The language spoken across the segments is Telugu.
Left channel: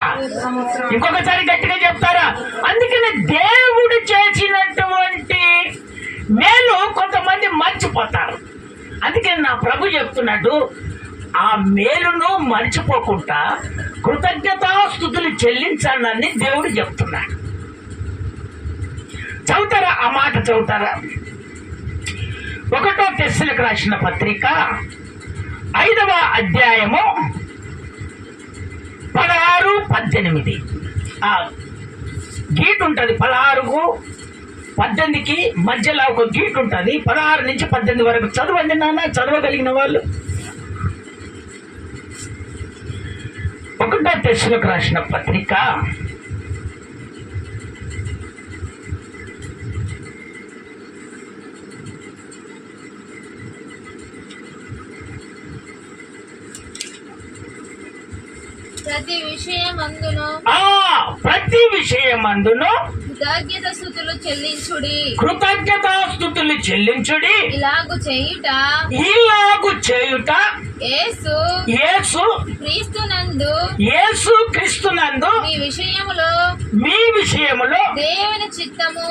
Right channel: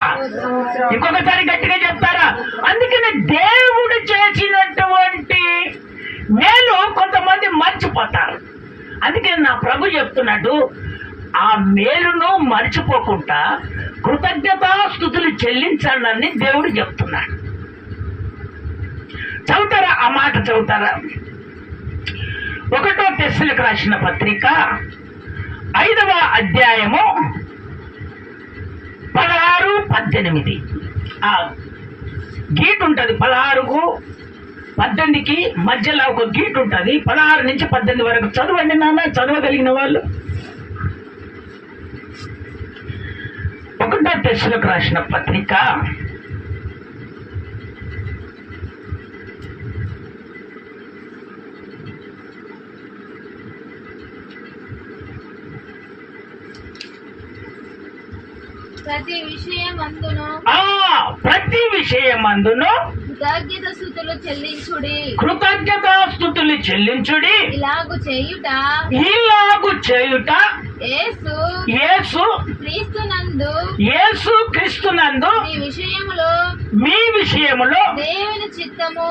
ఇంకొకసారి గట్టిగా చెప్తారా? అందుకని దేవుడు చేసినటువంటి మేలు కొంతమంది మర్చిపోతారు. అందుకని నా ప్రభు చెప్తున్నాడు, ఆ మేలును మర్చిపోకుండా కృతజ్ఞతాస్తుతులు చెల్లించాలని దేవుడు చెప్తున్నాడు. చదువుతారా? ఆ మాట చదువుతారా? 1 తెస్సలోనికీయులకు రాసిన పత్రిక 5వ అధ్యాయము 16, 18. ఆ గీట్ ఉంటుంది 16కు 18కి మధ్యలో ఒక గీట్ ఉంటుంది. 16 నుంచి 18 వరకు చదవండి నాన్న, చదవగలిగిన వాళ్ళు. 1 తెస్సలోనికీయులకు రాసిన పత్రిక 'ప్రతి విషయమందును కృతజ్ఞతాస్తుతులు చెల్లించుడి. ఇలాగు చేయుట యేసు క్రీస్తునందు మీ విషయములో దేవుని చిత్తము.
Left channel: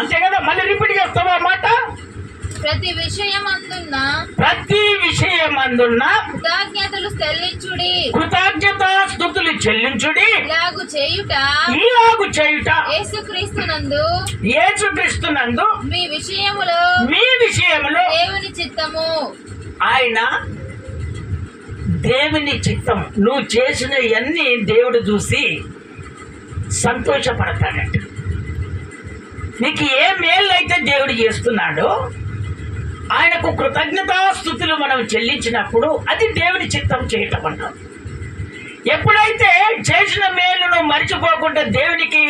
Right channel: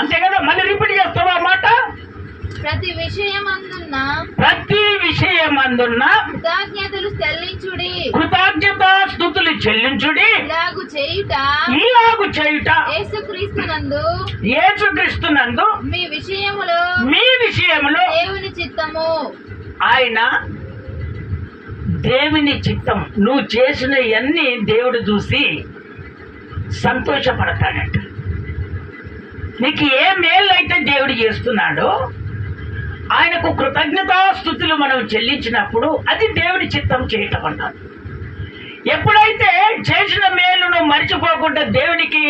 అంతే కదా? మళ్ళీ రిపీట్ చేస్తావా మాట? ప్రతి విషయమందున్న కృతజ్ఞతాస్తుతులు చెల్లించుడి. ఇలాగు చేయుట యేసుక్రీస్తునందు మీ విషయములో దేవుని చిత్తము. ఆయన దేవుని చిత్తం. నువ్వు చేసినవన్నీ దేవుడు చూసి సంతోషపడతాడట. నీకు ఏ మేలు అయితే దేవుడు చేస్తున్నాడో ఆయనకు కృతజ్ఞతాస్తుతులు మనం చెల్లించినప్పుడు అది దేవుని చిత్తం చేయటం అన్నాం. ఎప్పుడైతే చేసిన మేలును మర్చిపోకుండా దేవునికి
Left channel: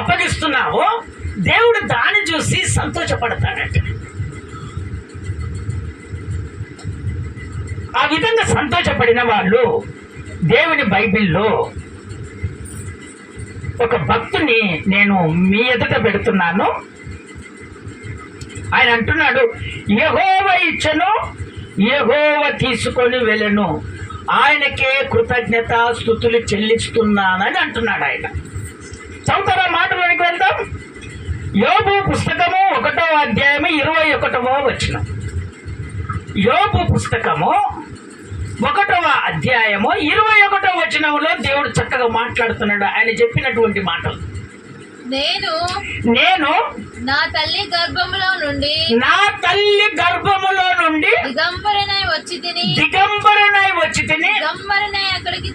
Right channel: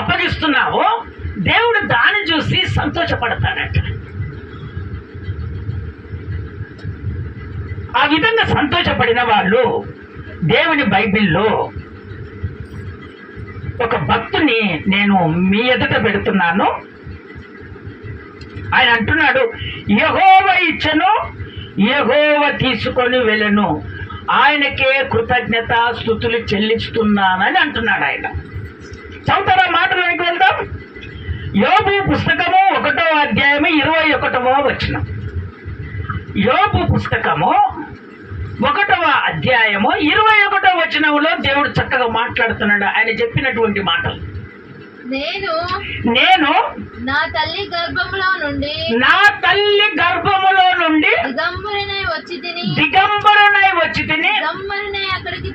అప్పగిస్తున్నావో దేవుడు దాన్ని చూసి సంతోషపడతాడట. ఆ విధంగా సంతోషపడిన వాళ్ళు దేవుని బైబిల్లో ఒక భక్తుని నేను మీ ఎదుట పెడుతున్నాను. ఆయన అంటున్నాడు, యెహోవా ఇచ్చెను, యెహోవా తీసుకొని వెళ్ళెను, ఆయనకే కృతజ్ఞతాస్తుతులు చెల్లిస్తున్నానని అంటున్నాడు ఆయన. చదువుతారా? మాటలోనికి వెళ్దాం. యోబు పుస్తకము 1వ అధ్యాయము 21వ వచనం. యోబు పుస్తకము 1వ అధ్యాయము 21వ వచనంలో దేవుడు చక్కగా మాట్లాడుతున్నాడు. ఆయన చెప్పినటువంటి మాటలు, నేను నా తల్లి గర్భములో నుండి దిగంబరనై వచ్చి తిని దిగంబరనై అక్కడికి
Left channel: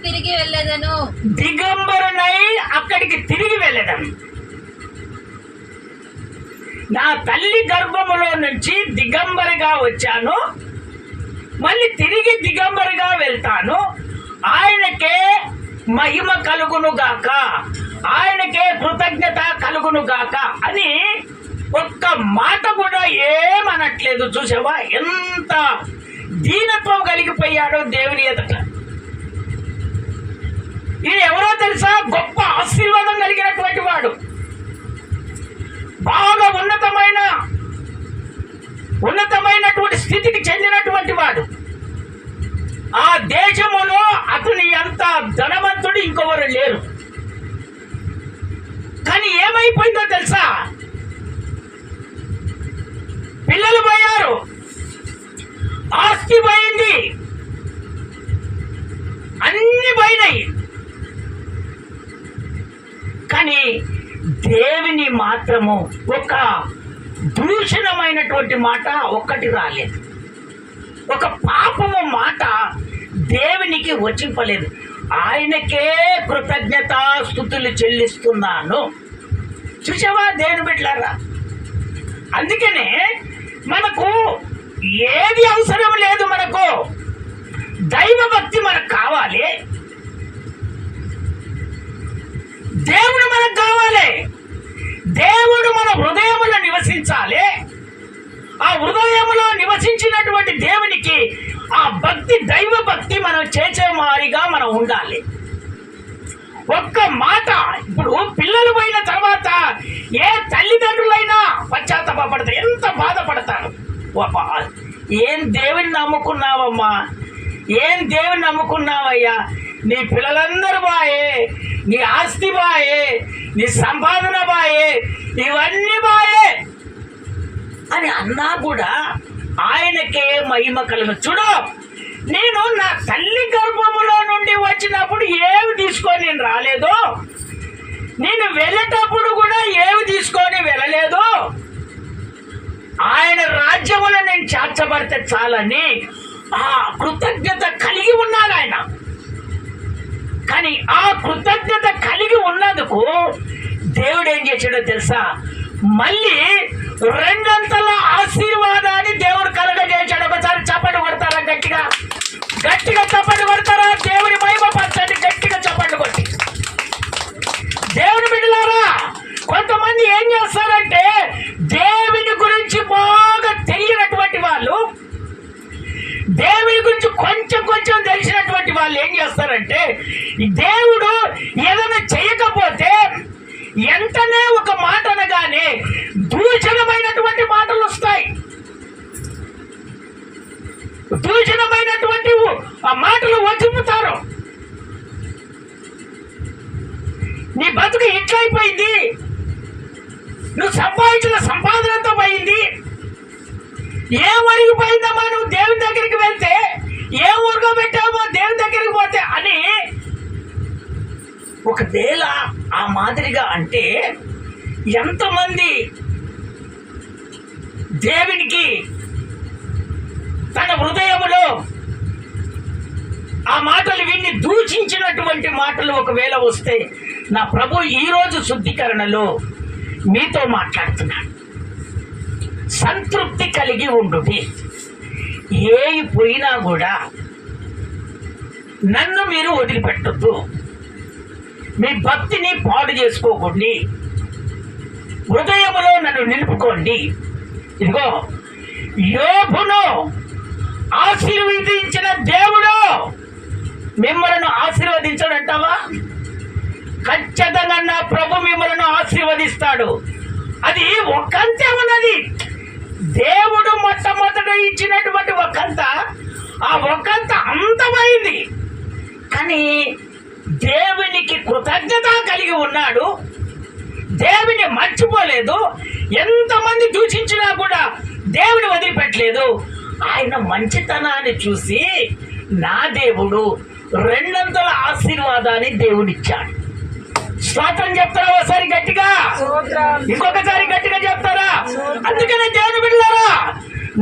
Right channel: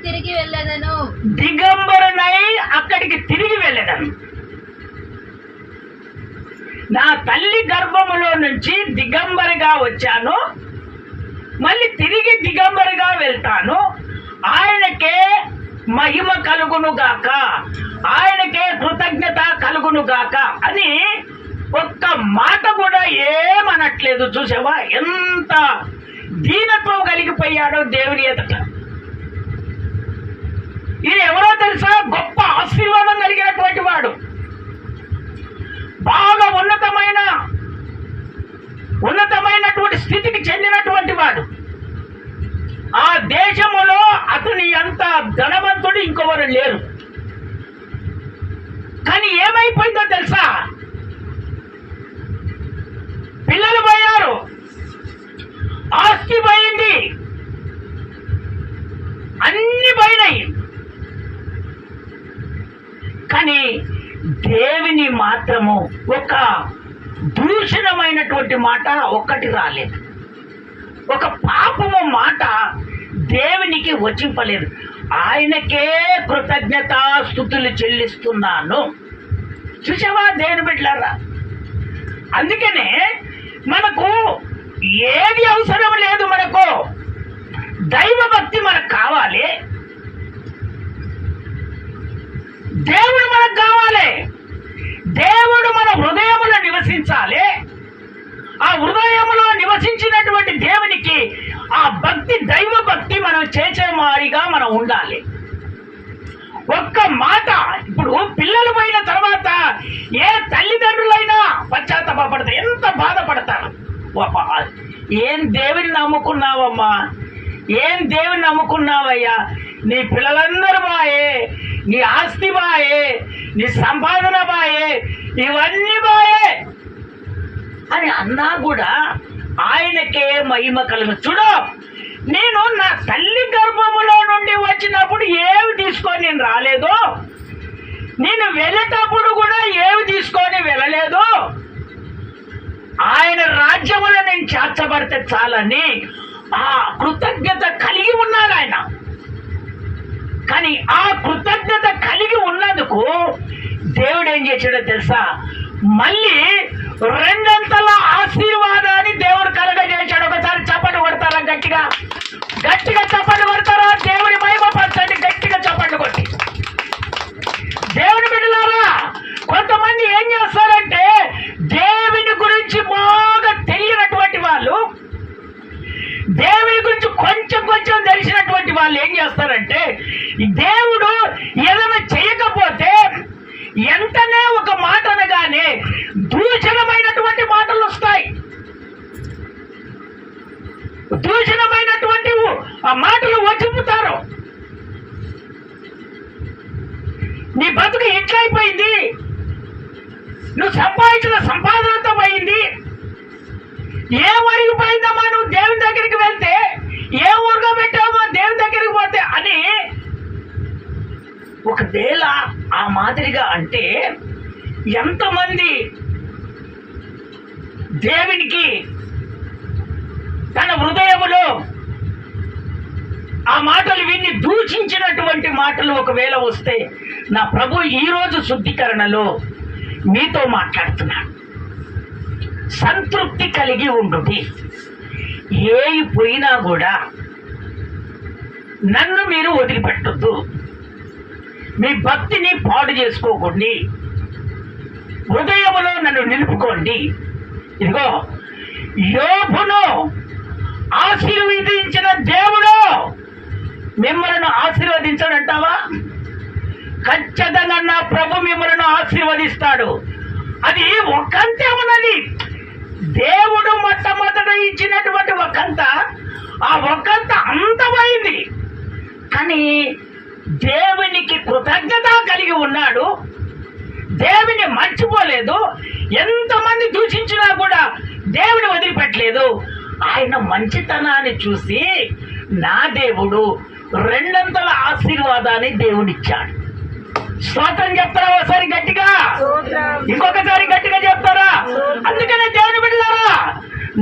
తిరిగి వెళ్ళదను. నా తల్లి గర్భములో నుంచి దిగంబరిగా వచ్చాను, మళ్ళీ తిరిగి దిగంబరిగా వెళ్తాను. ఆయనకే మహిమ కలుగును గాక, ఆయనకే కృతజ్ఞత కలుగును గాక అని ఒక్క మాట కూడా ఏమనట్లేదు. చూసావా ఎంత దీనత్వం కలిగిపోయాడో దేవుని ఎదుట. ఈయన ఎవరో తెలుసా? గొప్ప ఆశీర్వాదం కలిగినటువంటి వాడు, బాగా ఉన్నతమైనటువంటి స్థితికి చెందినటువంటి వాడు. ఆ దేశములో అతని అంత ధనవంతుడు ఇంకొవరు లేరు. కానీ ఏమైపోయిందో తెలుసా? పిల్లలు పోయారు, ఆస్తి పోయింది, అన్ని పోయినాయి. కానీ దేవుని మాత్రము ఒక దూషణమైనటువంటి మాట ఒక్కటి రాలేదు. ఒక పాపము మాట దేవునికి వచ్చింపలేదు. ఆయనకే కృతజ్ఞతాస్తుతులు చెల్లిస్తున్నాను. చూసావా దేవుని బిడ్డలారా? అందుకనే మనకు ఏది అవసరం లేదు. మనకు దైవభక్తి మనకు కావాలి, దేవుడు మనకు కావాలి, దేవుడు మన హృదయములో నివసించాలి. ఆ హృదయములో నివసించినటువంటి దేవునికి ఆ భక్తి, దైవ భక్తి మనం చేసే మారిగా మనం ఉండాలి. ఒక్క మాట. ఇప్పుడు పిల్లలు పోయిన తర్వాత ఏ తల్లిదండ్రులైనా పశ్చాత్తాపడతారు, ఎంత బాధపడతారు. ఏం దేవుని నమ్ముకున్నావమ్మా, ఏం దేవుని నమ్ముకున్నావయ్యా? నీ పిల్లలందరూ బాయే, నీ ఆస్తి బాయే, నీ సంపాదన బాయే, ఇవన్నీ బాయే అని అన్నా కూడా ఆయనకే మహిమ కలుగు. చూడు, నేను నా తల్లి గర్భములో నుండి వచ్చినప్పుడు ఏమి తీసుకొని నేను రాలేదు, నేను వెళ్ళేటప్పుడు కూడా ఏమి తీసుకొని వెళ్ళలేదు. ఆయన రాజ్యములో నేను చేర్చబడితే చాలని ఆ కృతజ్ఞత కలిగి ఉన్నాడు ఆయన. కానీ ఆ కృతజ్ఞత కలిగి ఉన్నందుకు దేవుడు ఏం చేశాడో తెలుసా? మళ్ళీ రెండంతల ఆశీర్వాదాన్ని దేవుడు కలగజేశాడు. ఒకసారి చప్పట్లు కొడతారా? గట్టిగా గట్టిగా చప్పట్లు కొడతారా? దేవుని మహిమ పరచండి, గట్టిగా చప్పట్లు కొట్టి. దేవుని బిడ్డలారా, కొంతమంది ఏం చేస్తారంటే దేవుని గురించి బాగా తెలియనటువంటి వాళ్ళు, దేవుని గురించి కొంచెం కొంచెం తెలిసినటువంటి వాళ్ళు ఏం చేస్తారంటే దేవుడు ఏదైనా చేయకపోతే వెంటనే ఒక మాట అనగానే దూషణమైనటువంటి మాటలు వస్తాయి. దూషణమైనటువంటి ఆ మాటలు వచ్చిపుతారు. నీ బతుకు ఎట్లయిపోయింది, నువ్వు సంపాదించిన సంపాదనతో పోయింది, ఏ ఊరికి పోయిందమ్మా నువ్వు దేవుని దగ్గరికి వెళ్తే, ఏ ఊరుగా పెట్టావో దేవుని దగ్గరికి పోతే అని ఒకవేళ ఆ మాదిరిగా అంటే ఎంతమంది దేవునికి తన హృదయములో ఆ మాటలు విని దూషించినటువంటి మాటలు ఒకవేళ వస్తే, నా ప్రభు ఈరోజు శుద్ధీకరణలో మీతో మాట్లాడుతున్నాను. సంతృప్తి కలిగి ఉండుడి. ఏవి పోయినా కూడా నన్ను మీరు వదిలిపెట్టద్దు. మీ భక్తిని పాడు చేసుకోకండి. హృదయములో నన్ను నిలుపుకోండి. ఇదిగో, యోబును ఆశీర్వదించిన దేవుడు మిమ్మల్ని ఆశీర్వదించడంటావా? ఖచ్చితంగా నా ప్రభు మిమ్మల్ని ఆశీర్వదిస్తాడు. అది ఒకంతే ఉన్నది. దేవుడు మొట్టమొదట ఇచ్చినటువంటి ఒకంత, ఆ ఒకంత అంతమైంది. కానీ దేవునికి కృతజ్ఞత కలిగి ఉన్నాడు, దేవుని మర్చిపోలేదు. ఎంతమంది దూషించినా కూడా దేవుని వదిలిపెట్టలేదు. ఆయన మంచితనాన్ని చూసి నా దేవుడు రెండంతల ఆశీర్వాదాన్ని దేవుడిచ్చాడు. స్తోత్రం చెప్తారా? ఒకసారి గట్టిగా, ఇంకొకసారి గట్టిగా చెప్తారా? అందుకనే దేవుని బిడ్డలారా,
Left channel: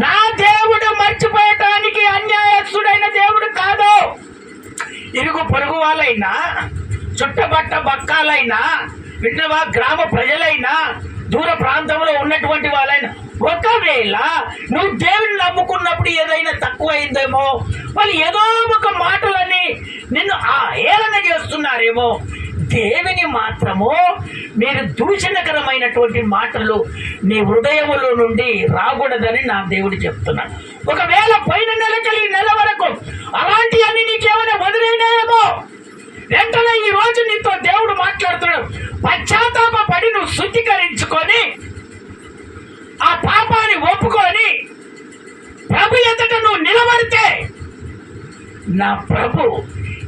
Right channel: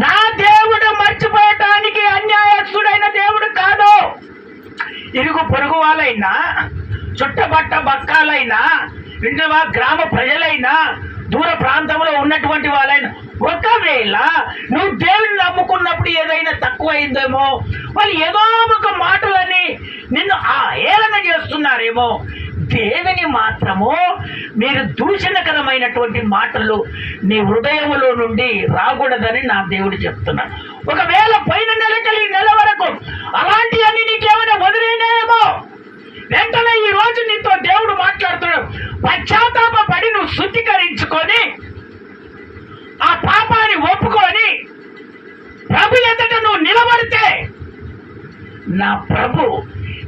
నా దేవుడు మర్చిపోయటానికి అన్యాయస్తుడైన దేవుడు కాదు. ఇరుగు పొరుగు వాళ్ళైనా, చుట్టబట్ట బక్కాలైనా, వింటవా గ్రామ ప్రజలైనా, దూర ప్రాంతంలో ఉన్నటువంటి వాళ్ళైనా, ఒకవేళ నువ్వు దేవుని నమ్ముకున్నప్పుడు ఏదైనా తక్కువైందేమో, వాళ్ళు ఏదో ఒక మాటలని నిన్ను ఏలన చేస్తున్నారేమో, దేవుని మాత్రము మీరు దూషణకరమైనటువంటి మాటలు నీ హృదయములో నుండి రాకూడదని నా దేవుడు చెప్తున్నాడు. ఒకవేళ పైన నెలకెళ్ళి నెల వరకు అలాంటి అన్ని నీకేమైనా వదిలేనేమో, వెంటనే ఈ రోజు నీతో దేవుడు మాట్లాడుతున్నాడు. పశ్చాత్తాప పడి నువ్వు శుద్ధీకరించుకొని ఆ పాపాన్ని ఒప్పుకొని ప్రభు ఎదుట నువ్వు నిలబడితే నా ప్రభు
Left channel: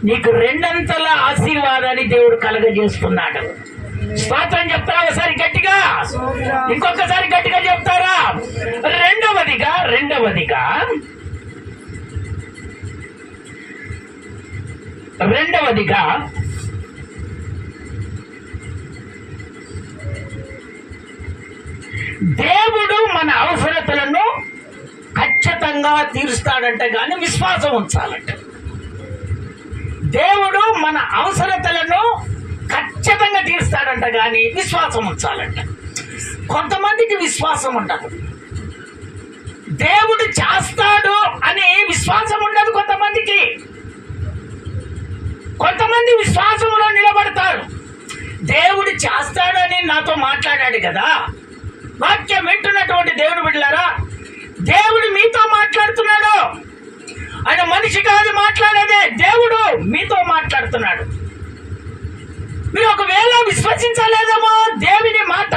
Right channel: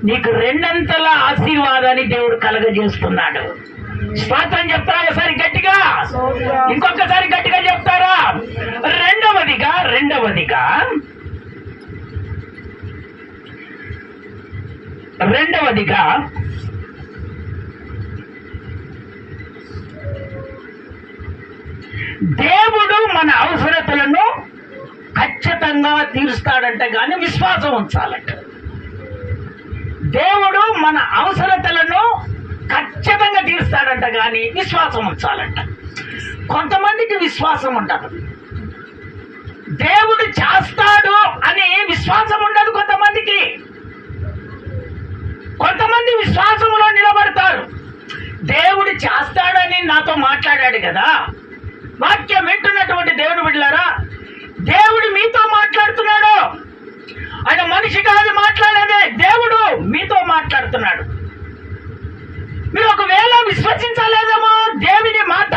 నీకు రెండంతల ఆశీర్వాదాన్ని దేవుడు కలగజేస్తున్నాడు. స్తోత్రం చెప్తారా? ఒకసారి గట్టిగా, ఇంకొకసారి గట్టిగా చెప్తారా? రెండవదిగా దేవుడు మన అవసరతలను ఖచ్చితంగా తీరుస్తాడంట, కానీ విశ్వాసం ఉంచాలంట. దేవుడు మన అవసరతలను ఖచ్చితంగా తీరుస్తాడంట, కానీ విశ్వాసం ఉంచాలంట. కొంతమందికి విశ్వాసం ఉండదు, దేవుడు చేస్తాడు అని విశ్వాసం ఉండదు కొంతమందికి. కొంతమంది విశ్వాసంలో నిలబడతారు. దేవుడు చేస్తాడని నాతో మాట్లాడాడు కదా, వాక్యం వింటున్నటువంటి దేవుడు బిడ్డలారా, దేవుడు మీతో మాట్లాడుతున్నాడు. ఆయన మనిషి కాదు మాట్లాడేదే, దేవుడు మీతో మాట్లాడుతున్నాడు. మీరు ఒకవేళ విశ్వసించలేదేమో దేవుని మాట,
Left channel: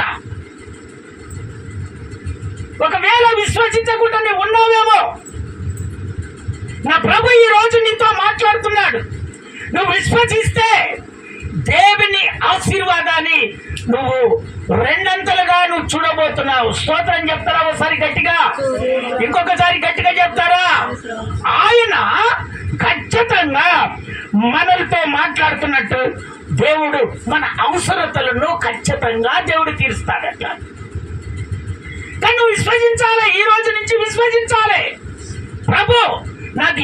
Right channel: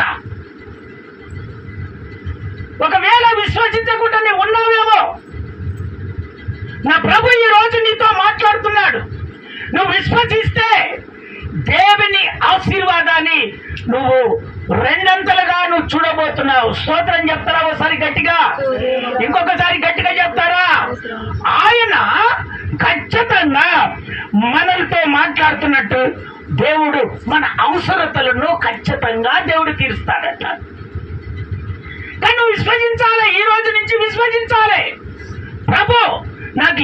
ఒకవేళ విశ్వసించకుండా ఉన్నావేమో, నా ప్రభు ఈ రోజు నీతో మాట్లాడుతున్నాడు. నువ్వు విశ్వసిస్తే దేవుని ఆశీర్వాదాన్ని నువ్వు రెండంతలుగా నువ్వు చూడబోతున్నావు. స్తోత్రం చెప్తారా ఒకసారి గట్టిగా? ఇంకొకసారి గట్టిగా చెప్తారా? ఆయన ఖచ్చితంగా మనలతో మాట్లాడుతున్నట్టు దేవుడు మన అవసరతలను ఖచ్చితంగా దేవుడు తీరుస్తాడట. కానీ నువ్వు విశ్వసించాలి. ఈ రోజు నుంచి విశ్వసించాలి. ప్రభు నాకు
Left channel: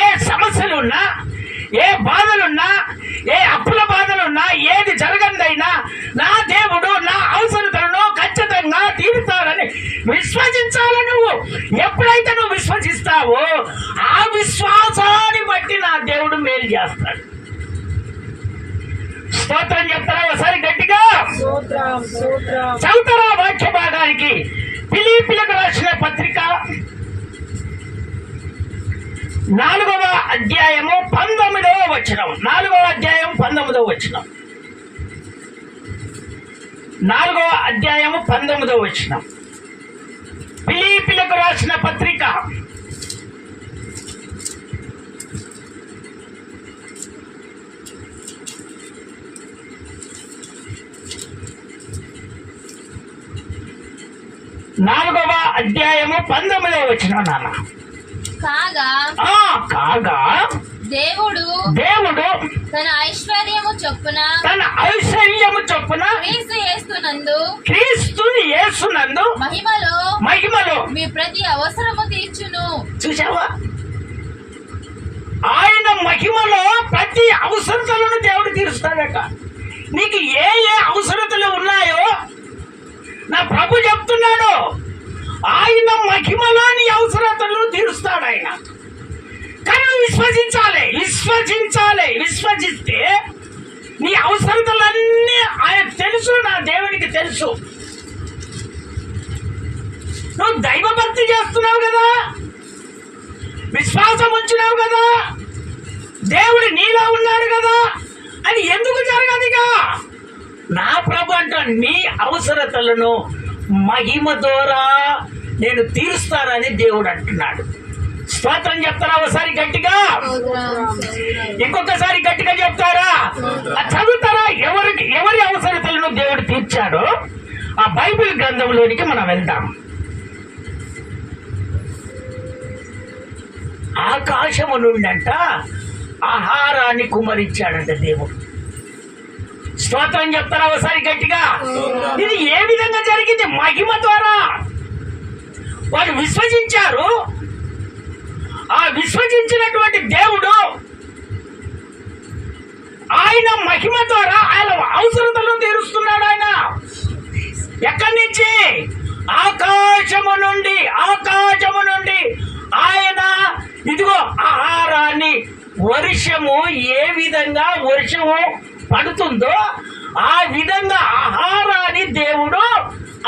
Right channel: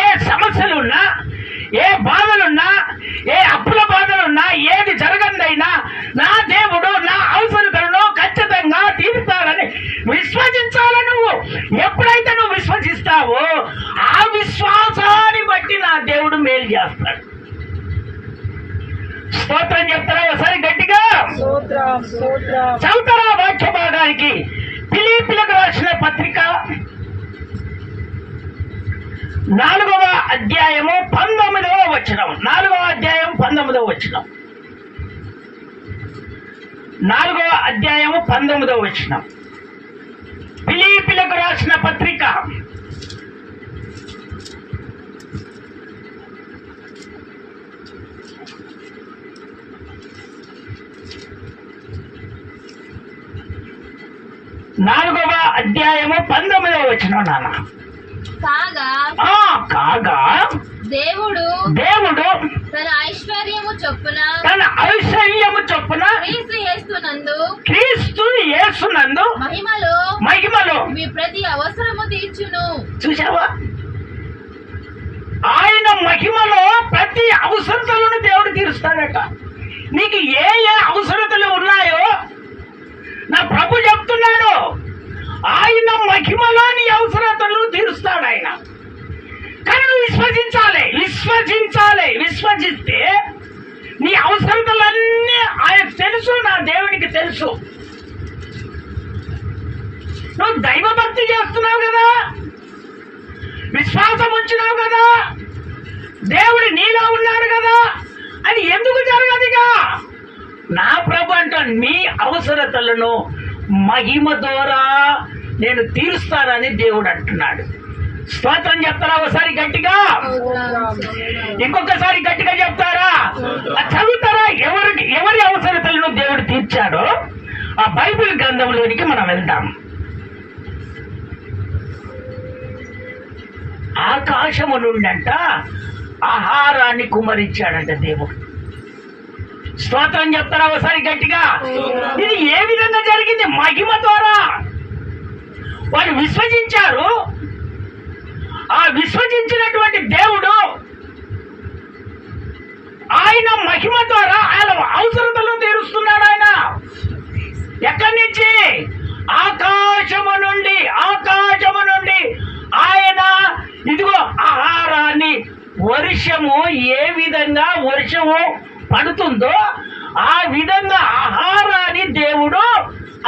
ఏ సమస్యలు ఉన్నా, ఏ బాధలున్నా, ఏ అప్పుల బాధలున్నా, ఏది జరగందైనా నా దేవుడు నా అవసరతలను ఖచ్చితంగా తీరుతాడని విశ్వసించాలి. నువ్వు ఎప్పుడైతే నువ్వు విశ్వసిస్తావో ఆ విశ్వాసాన్ని బట్టి నా దేవుడు మేలు చేస్తాడు. స్తోత్రం చెప్తారా ఒకసారి గట్టిగా? చదువుతారా వాక్య భాగానికి? ఫిలిప్పీయులకు రాసిన పత్రిక 4వ అధ్యాయము 19వ వచనం. 4వ అధ్యాయం 19వ వచనం. 4వ అధ్యాయము 19వ వచనం. ఫిలిప్పీయులకు రాసిన పత్రిక 4వ అధ్యాయము 19వ వచనం. నాన్న కాగా దేవుడు తన ఐశ్వర్యము చొప్పున క్రీస్తు యేసునందు మహిమలో మీ ప్రతి అవసరము తీర్చును. చూసావా? ఆయన మహిమలో ప్రతి అవసరతలను దేవుడు తీరుస్తాడట. నీకు ఏ అవసరతలు ఉన్నాయో నా ప్రభు చెప్తున్నాడు. ఆయన మహిమలో నీ అవసరతలను తీరుస్తాడు ఆయన. కానీ నువ్వు విశ్వసిస్తే నీ అవసరతలన్నీ ఆయన తెలుసు. నా దేవునికి తెలుసు. నువ్వు దైవభక్తి చేస్తున్నావు కదా, విశ్వాసం ఉంచినావు కదా, దేవుడు నీలో ఉన్నాడు కదా, అది ఎందుకు జరగదుగా? నా ప్రభు అంట నీ అవసరతలను మహిమ ద్వారా నేను తీరుస్తానని దేవుడు అంటున్నాడు. స్తోత్రం చెప్తారా ఒకసారి గట్టిగా? ఇంకొకసారి గట్టిగా చెప్తారా? చదువుతారా? ఎవరి అవసరతలను దేవుడు తీర్చాడో ఆ బైబిల్ గ్రంథంలోనికి మనం వెళ్దాం. ఆకాశము నుండంట ఆహారాన్ని కుమరించాడంట దేవుడు. స్తోత్రం చెప్తారా ఒకసారి గట్టిగా? ఇది ఏ విధంగా జరిగింది? మహిమ ద్వారా. వారు విశ్వసించారు. ఆ విశ్వసించినటువంటి దేవుడు ఆయన మహిమ ద్వారా ఆయన అవసరతలను తీరుస్తున్నాడు. ఆయన ఎక్కడి నుంచి? ఆకాశము నుండి ఆయన ఇదిగో ఆహారాన్ని, వర్షము ఏ విధంగా వర్షము పడుతుందో ఆ విధంగా ఆహారాన్ని దేవుడు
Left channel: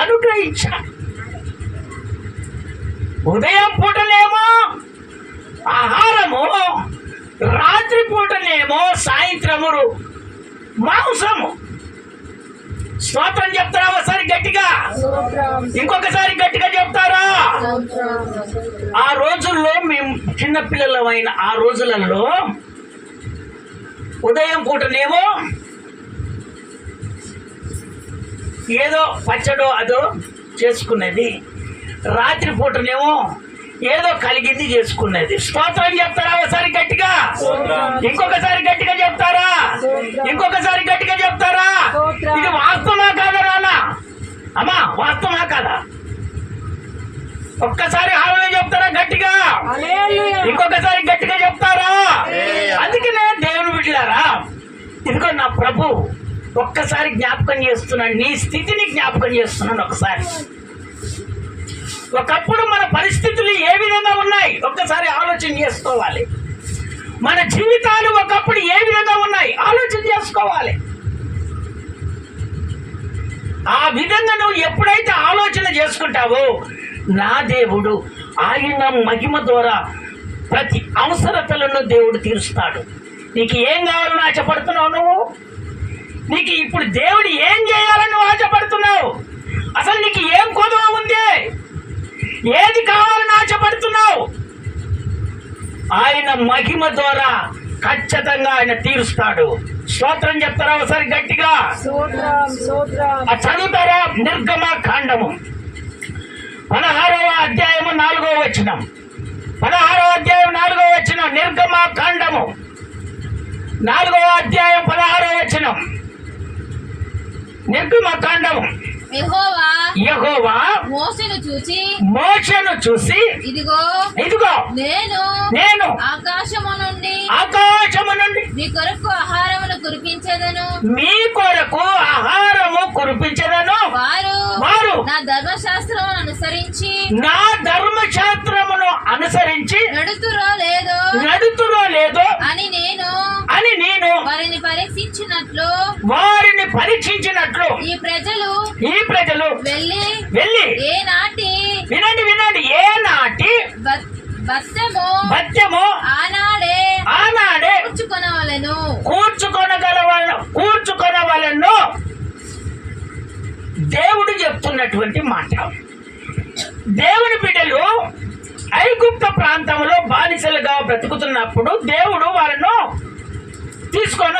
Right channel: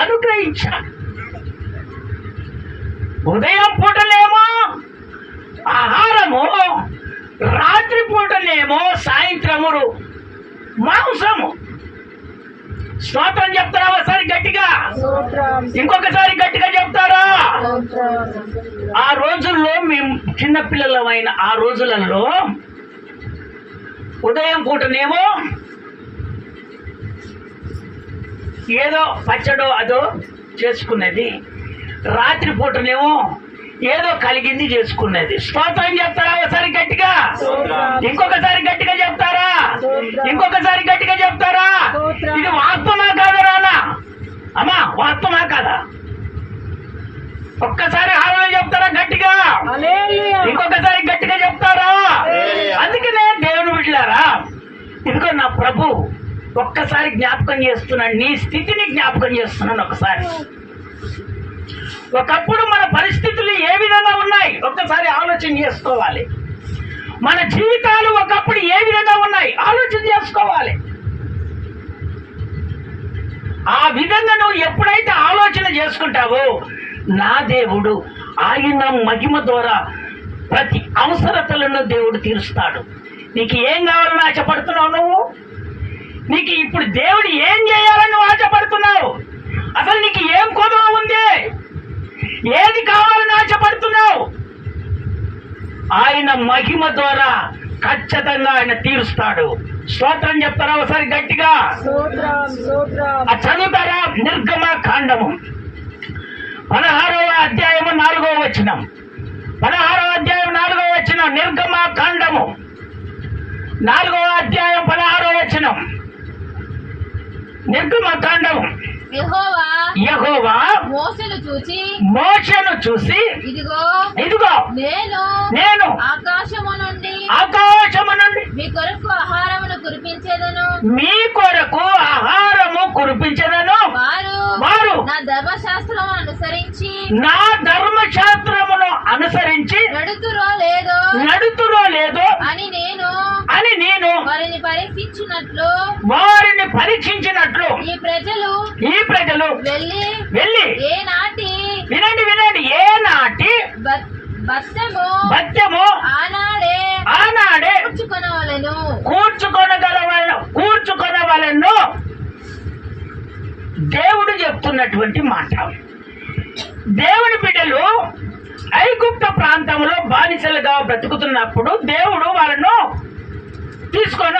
అనుగ్రహించాడు. ఉదయం పూటలేమో ఆహారము, రాత్రి పూటలేమో సాయంత్రము మాంసము. స్తోత్రం చెప్తారా ఒకసారి గట్టిగా? ఇంకొకసారి గట్టిగా చెప్తారా? ఆ రోజుల్లో మేము చిన్నపిల్లలమైన ఆ రోజులలో ఉదయం పూటనేమో ఏదో పచ్చడో అదో చేసుకున్నది, రాత్రి పూటనేమో ఏదో కలిగింది చేసుకున్నది. స్తోత్రం చెప్తారా ఒకసారి గట్టిగా? ఇంకొకసారి గట్టిగా చెప్తారా? ఇంకొకసారి గట్టిగా చెప్తారా? ఇది వాస్తవమా కాదా రానా? అమ్మా వాస్తవమా కాదా? ఒక్కసారి హారణ చెప్తారా గట్టిగా? ఇంకొకసారి గట్టిగా చెప్తారా? అందుకనే దేవుని బిడ్డలారా, ఇదిగో నా ప్రభు ఒక్కసారి జ్ఞాపకం చేస్తున్నాను, నీ స్థితిని జ్ఞాపకం చేస్తున్నాను. ఒకప్పుడు మన పరిస్థితులు ఏ విధంగా ఉన్నాయి ఒక్కసారి ఆలోచన చేసుకోవాలి. మన జీవితాలు ఒకప్పుడు ఏ విధంగా ఉన్నాయి ఆలోచన చేసుకోవాలి. ఆ విధంగా నువ్వు ఎప్పుడైతే ఆలోచన చేసుకుంటావో నా దేవుడు ఆయన మహిమ ద్వారా ప్రతి అవసరతలను దేవుడు తీరుస్తాడు. నీకు ఏం కావాలని ఆశపడుతున్నావు? నువ్వు నీకు ఇప్పుడు దేవుడు ఏం చేయాలని నువ్వు ఆశపడుతున్నావు? అసలు నీకు ఏం కొదవ ఉంది? ఏది కావాలని ఆశపడుతున్నావు? ఆయన మహిమ ద్వారా ఖచ్చితంగా ఆయన తీరుస్తాడు. స్తోత్రం చెప్తారా ఒకసారి గట్టిగా? చదువుతారా? నిర్గమ కాండము 16వ అధ్యాయము 4వ వచనం. 16వ అధ్యాయం 4వ వచనం. నిర్గమ కాండము 4వ అధ్యాయం 16వ వచనం. నిర్గమ కాండము. యెహోవా మోషేను చూసి ఇదిగో నేను ఆకాశము నుండి మీ కొరకు ఆహారమును కురిపించెదను. వారు నా ధర్మశాస్త్రమును అనుసరించి నడుతురో లేదో అని నేను వారిని పరీక్షించినట్లు ఈ ప్రజలు వెళ్ళి వినండి ఏనాటి బత్తెము ఆనాడే కూర్చుకొనవలెను. దేవుడు చెప్తున్నటువంటి మాట. దేవుని బిడ్డలు ఐగుప్త ప్రాంతంలో బానిసలుగా బ్రతుకుతున్నప్పుడు దేవుడు వాళ్ళను తీసుకొని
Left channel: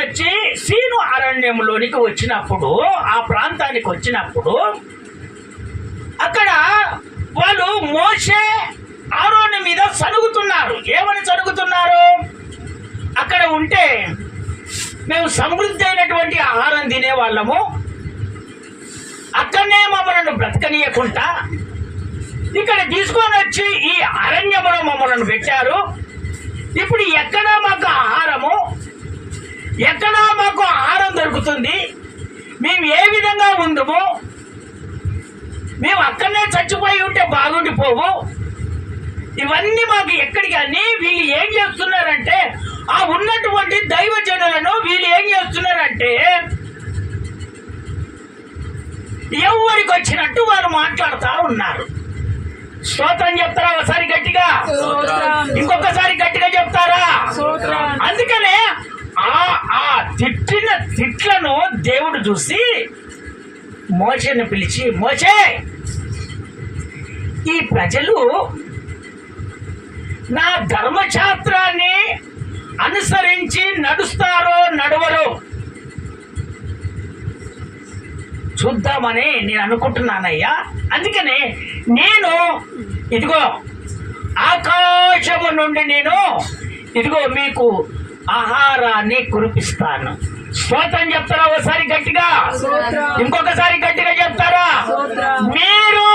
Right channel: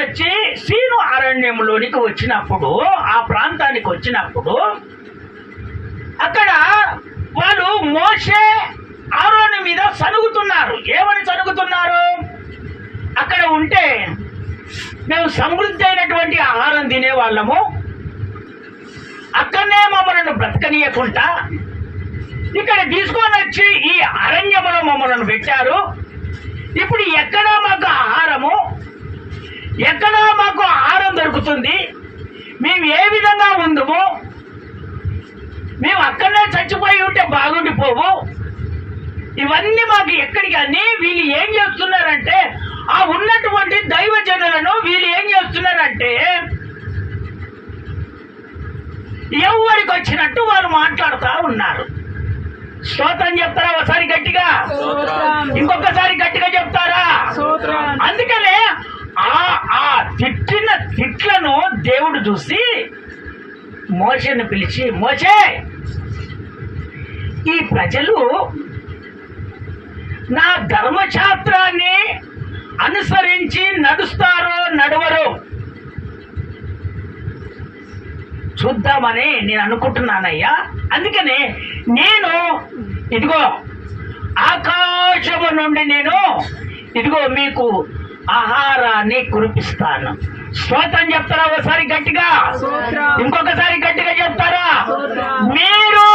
వచ్చి సీను అరణ్యంలోనికి వచ్చినప్పుడు, ఆ ప్రాంతానికి వచ్చినప్పుడు అక్కడ వాళ్ళు మోషే ఆరోను మీద సనుగుతున్నారు. ఏమని సనుగుతున్నారు? అక్కడ ఉంటే మేము సమృద్ధి అయినటువంటి ఆహారం తినేవాళ్ళము, అక్కడనే మమ్మల్ని బ్రతకనీయకుండా ఇక్కడ తీసుకొని వచ్చి ఈ అరణ్యములో మమ్మల్ని పెట్టారు. ఇప్పుడు ఎక్కడ మాకు ఆహారం దొరుకుతుంది? మేము ఏ విధంగా ఉందమో, మేము అక్కడనే చచ్చిపోయి ఉంటే బాగుండిపోవు. ఇవన్నీ మాకు ఎక్కడికి అని వీళ్ళు ఏం చేస్తున్నారంటే, ఆ ఉన్నటువంటి దైవజనులను వీళ్ళు ఏం చేస్తున్నారంటే ఎవరికి వచ్చినట్టు వారు మాట్లాడుతూ ఉన్నారు. స్తోత్రం చెప్తారా ఒకసారి గట్టిగా? ఇంకొకసారి గట్టిగా చెప్తారా? అందుకనే ఆ తిట్టిన తిట్లను దేవుడు చూసి మోషేను పిలిచి, మోషే, ఈ ప్రజలు నా ధర్మశాస్త్రాన్ని అనుసరించి నడుస్తారో నడవరో చూద్దామని నేను అనుకుంటున్నానయ్యా. అందుకనే నేను ఇదిగో ఆకాశము నుండి ఇదిగో మీకు ఆహారాన్ని కురిపిస్తాను. స్తోత్రం చెప్తారా ఒకసారి గట్టిగా? ఇంకొకసారి గట్టిగా చెప్తారా? మీరు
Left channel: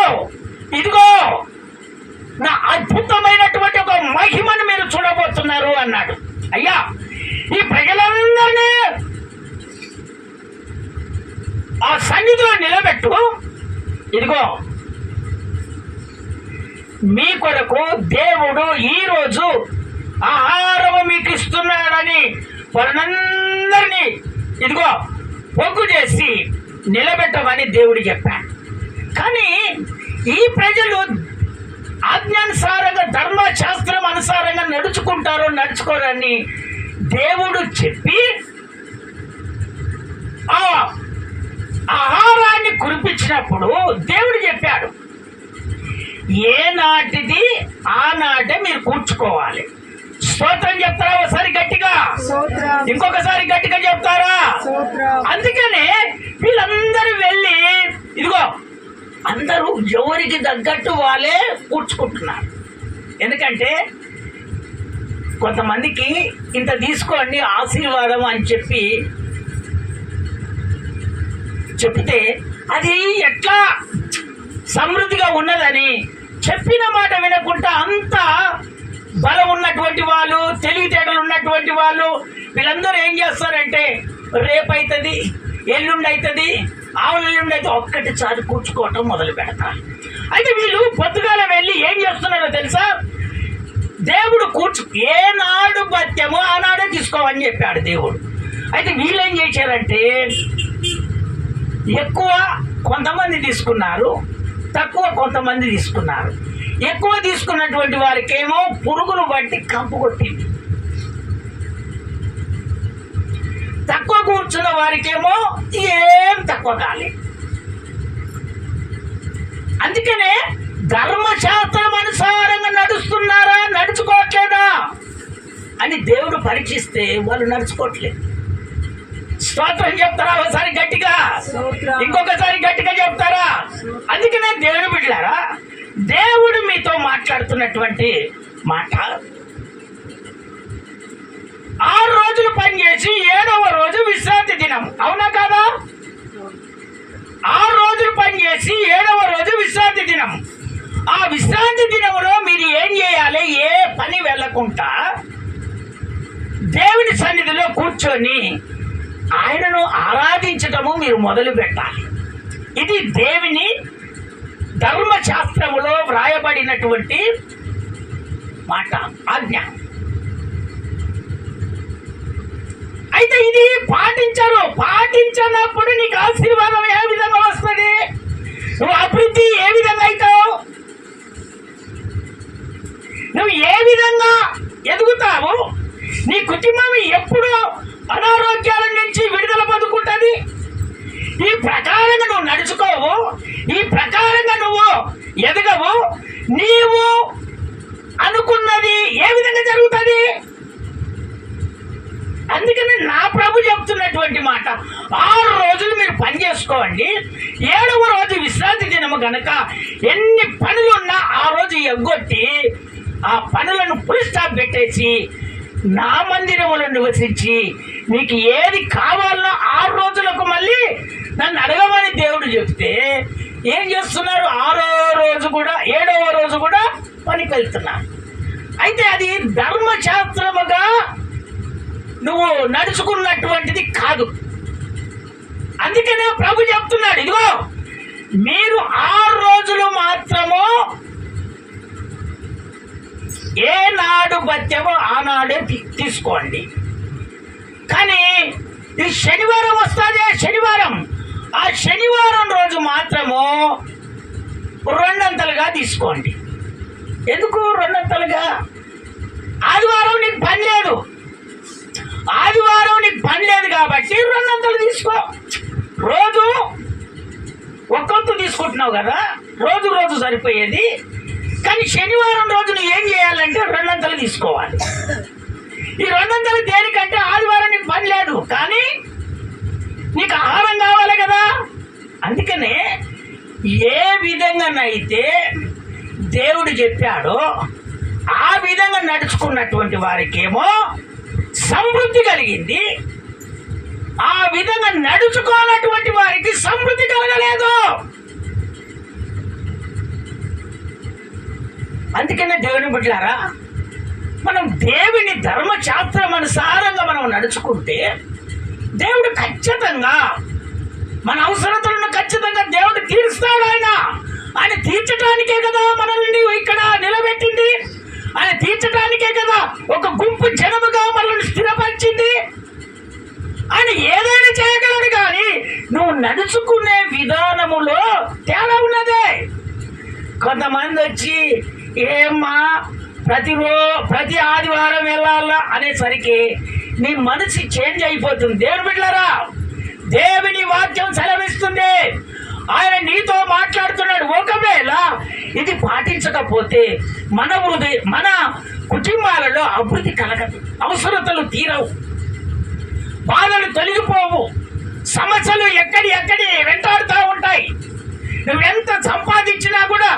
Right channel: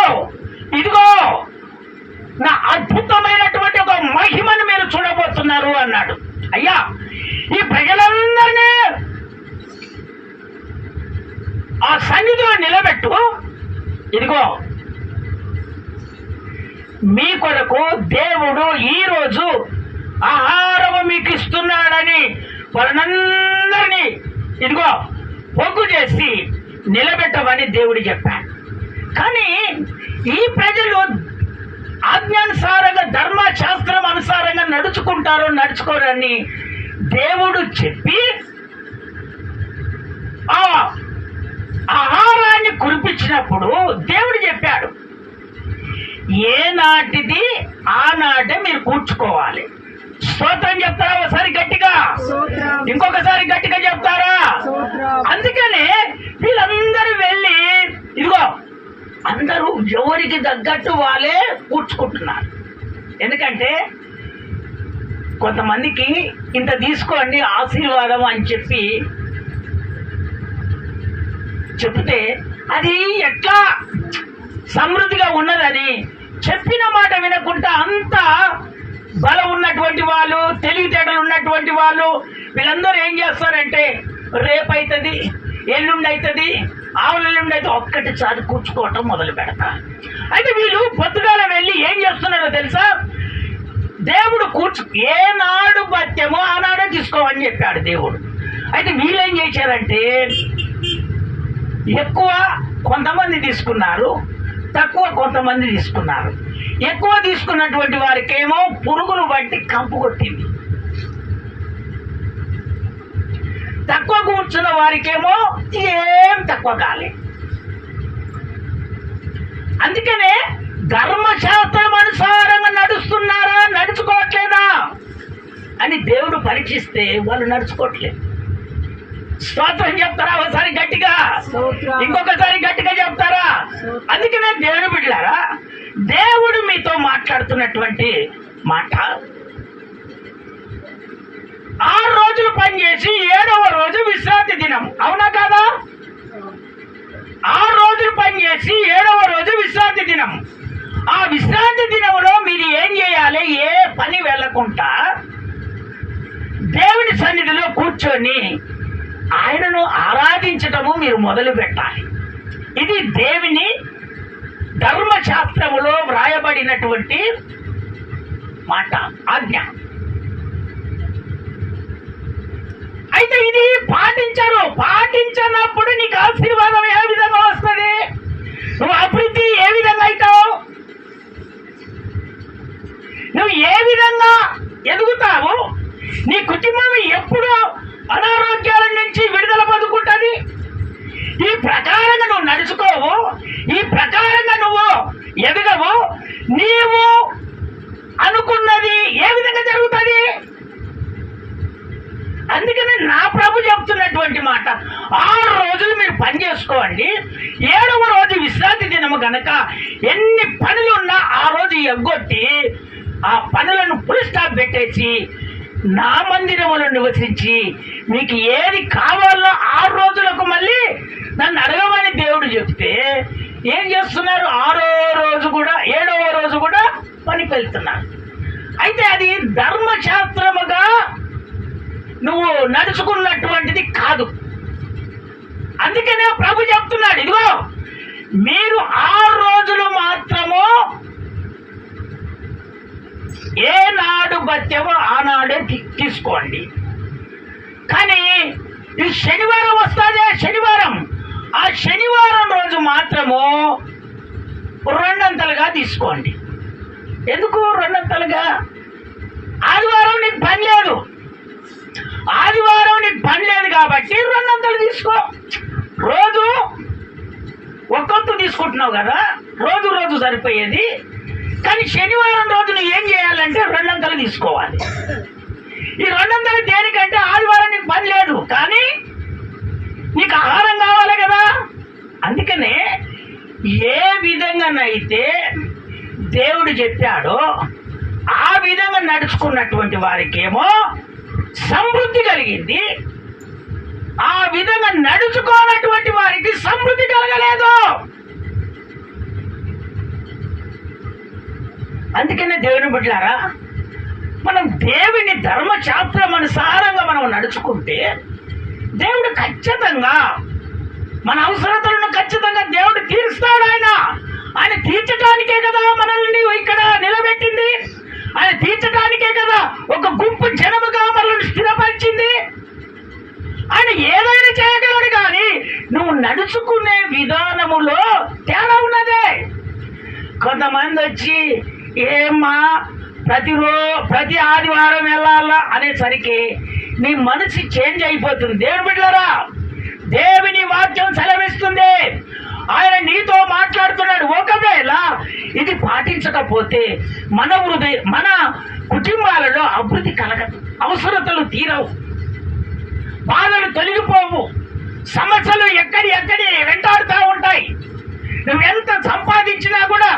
ఇదిగో నా అద్భుతమైనటువంటి ఒక మహిమను మీరు చూడబోతున్నారు అన్నాడు. అయ్యా, ఈ ప్రజలందరినీ ఆ సన్నిధిలో నిలబెట్టు. ఇదిగో మీ కొరకు దేవుడు ఈరోజు ఆహారము మీకు ఇస్తున్నాడని వారందరినీ ఇదిగో పొగ్గు చేసి నిలబెట్టమని దేవుడు చెప్పాడు. కానీ ఈ ప్రజలు ఆజ్ఞానుసారంగా ధర్మశాస్త్రం అనుసారంగా నడుచుకోరని దేవుడు చెప్పి ఆ ఆహారాన్ని కురిపించినప్పుడు దేవుడు చెప్పాడు, ఏనాటిది ఆనాటే మీరు కూర్చుకోవాలి. స్తోత్రం చెప్తారా ఒకసారి గట్టిగా? ఇంకొకసారి గట్టిగా చెప్తారా? అందుకనే వీళ్ళందరూ వెళ్ళి ఇదిగో అందరూ ఎవరికి తగ్గట్టు వాళ్ళే కూర్చుకుంటున్నారు. ఎందుకంటే కొంతమందికి ఇంత తీసుకోండి ఆశీర్వాదం అని చెప్తే అది ఎట్లా సమృద్ధిగా ఉన్నదని చెప్పిన మాట వినకుండా అంత బలం ఉన్నటువంటి వాళ్ళు, తెలివితేటలు ఉన్నటువంటి వాళ్ళు వీళ్ళందరూ ఏం చేస్తారంటే రేపు అవుతుంది, ఎల్లుండి అవుతుంది, ఆవులెల్లుండి అయితే ఒక్కటిసారి కూర్చుకోవటం మొదలు పెడతారు. అయితే వీళ్ళు పొద్దుగాల వెళ్ళి ఏం చేస్తున్నారో తెలుసా? దేవుడు ఏనాడు బత్యమో ఆనాడే తీసుకోమని చెప్పాడు దేవుడు. అయితే వీళ్ళు ఏం చేశారంటే ఎక్కువ కొంతమంది తీసుకున్నారు, తక్కువ కొంతమంది తీసుకున్నారు. ఎక్కువ తీసుకున్నటువంటి వారికేమో పురుగులు బట్టి కంపు కొట్టింది, తక్కువ కూర్చున్న వారికేమో ఏం తక్కువ కాలేదు. అందుకనే ధర్మశాస్త్రం అనుసారంగా నడుస్తున్నారా నడుచుకోవట్లేదా అని దేవుడు పరీక్షిస్తే వాళ్ళు నడుచుకోవట్లేదు. స్తోత్రం చెప్తారా ఒకసారి గట్టిగా, ఇంకొకసారి గట్టిగా చెప్తారా? అందుకనే దేవుడు బిడ్డలారా, దేవుడు మీతో మాట్లాడుతున్నటువంటి మాట, 6 రోజులు పనిచేసి 7వ రోజు విశ్రాంతి దినం. అవునా కాదా? 6 రోజులు పనిచేసి 7వ రోజు విశ్రాంతి దినం. ఆ విశ్రాంతి దినంలో మీరు ఏం చేయాలి? ఏ పని వెళ్ళకుండా దేవుని సన్నిధిలో కూర్చొని ఆయనను ఆరాధించటము మీరు మొదలు పెట్టాలి. ఇది దేవుని ధర్మశాస్త్రములో వ్రాయబడినటువంటి మాట, ఆజ్ఞ. అయితే ఇది పాటించనప్పుడు నీకు ఆశీర్వాదం ఏ విధంగా వస్తుంది? నువ్వు అభివృద్ధి ఏ విధంగా అవుతావు? నువ్వు ఏ విధంగా ఎదుగుతావు? నీ కుటుంబం ఎప్పుడు అనారోగ్యాల నుంచి విడుదల పొందుకుంటుంది? ఈ ప్రకారంగా నువ్వు నడుచుకోవు, ఈ ప్రకారంగా నువ్వు ఎదగవు, నీవు అనుకున్నది ఏ విధంగా జరుగుతుంది? అందుకని నా ప్రభు చెప్తున్నటువంటి మాట, 6 రోజులు మీరు పని చేసుకోండి, 7వ రోజు విశ్రాంతి దినము గనక ఎన్ని పనులున్నా ఆ రోజు ఎగ్గొట్టి ఆ పనులను ఫుల్ స్టాప్ పెట్టేసి నా మందిరములో నివసించి మీకు ఏది కావాలో 6 రోజులకు మళ్ళీ నన్ను అడగమని దేవుడు చెప్తే ఏం చేస్తున్నారు? 6వ రోజు కూడా 7వ రోజు కూడా పనికి వెళ్తున్నారు. అయితే అది ధర్మశాస్త్రముగా నువ్వు నడుచుకున్నటువంటిది కాదు. అందుకనే ప్రభు చెప్తున్నాడు, ఇదిగో మీరు 6 రోజులు మాత్రము ఏనాడు బత్యమో ఆనాడే తీసుకోండి. కానీ ఈ శనివారం వస్తుంది, శనివారం, ఆ శనివారం రోజు మాత్రము 2 తీసుకోండి. ఎందుకు 2? ఆదివారం నీకు పని లేదు, ఆదివారం నీకు పని లేదు కాబట్టి 2 తీసుకో. రోజు ఒక్కొక్క తీసుకుంటున్నావు కదా, రోజు సరిపోయేది. కానీ శనివారం రోజు నువ్వు ఏం చేయాలంటే 2 తీసుకోవాలి. ఈ 2 దేనికంటే ఆదివారం నీకు పని లేదు కానీ నీకు ఆహారం కావాలి కదా. అందుకనే ఏ విధంగానైతే దేవుడు చెప్పాడో ఆ విధంగా నడుచుకున్నటువంటి వారికేమో సమృద్ధి కలిగింది, ఆ విధంగా నడుచుకోనటువంటి వారికి సమృద్ధి కలగలేదు. అందుకనే దేవుని బిడ్డలారా, మనం దేవుని ధర్మశాస్త్రం అనుసారంగా మనం నడుచుకుంటే దేవుడు ఖచ్చితంగా మన అవసరతలను ఖచ్చితంగా దేవుడు తీరుస్తాడు. ఆయన తీర్చడానికే కదా మనల్ని ఇక్కడ నిలబెట్టింది, ఆయన తీర్చడానికే కదా ఒక గుంపు జనముగా మనల్ని స్థిరపరిచింది. ఆయన ఏదైనా చేయగలడు కానీ నువ్వు నడుచుకునే విధానములో తేడా ఉన్నదే. కొంతమంది వచ్చి ఏమ్మా ప్రతి ఆదివారం వెళ్ళాలా అనేసరికి నీ మనసు చేంజ్ అయిపోతుంది. దేవుని బిడ్డలారా, దేవుని వాక్యం సెలవిస్తుంది, ఆయన నీతో మాట్లాడుతున్నాడు. ఒకవేళ ఇది పాటించకపోతే మన కుటుంబాలలో అభివృద్ధి కలగదు, అవసరతలు తీరవు, బాధలు తొలగిపోవు, సమస్యలు ఎక్కడి వెంటాడుతూ ఉంటాయి. నువ్వెంత సంపాదించినా కూడా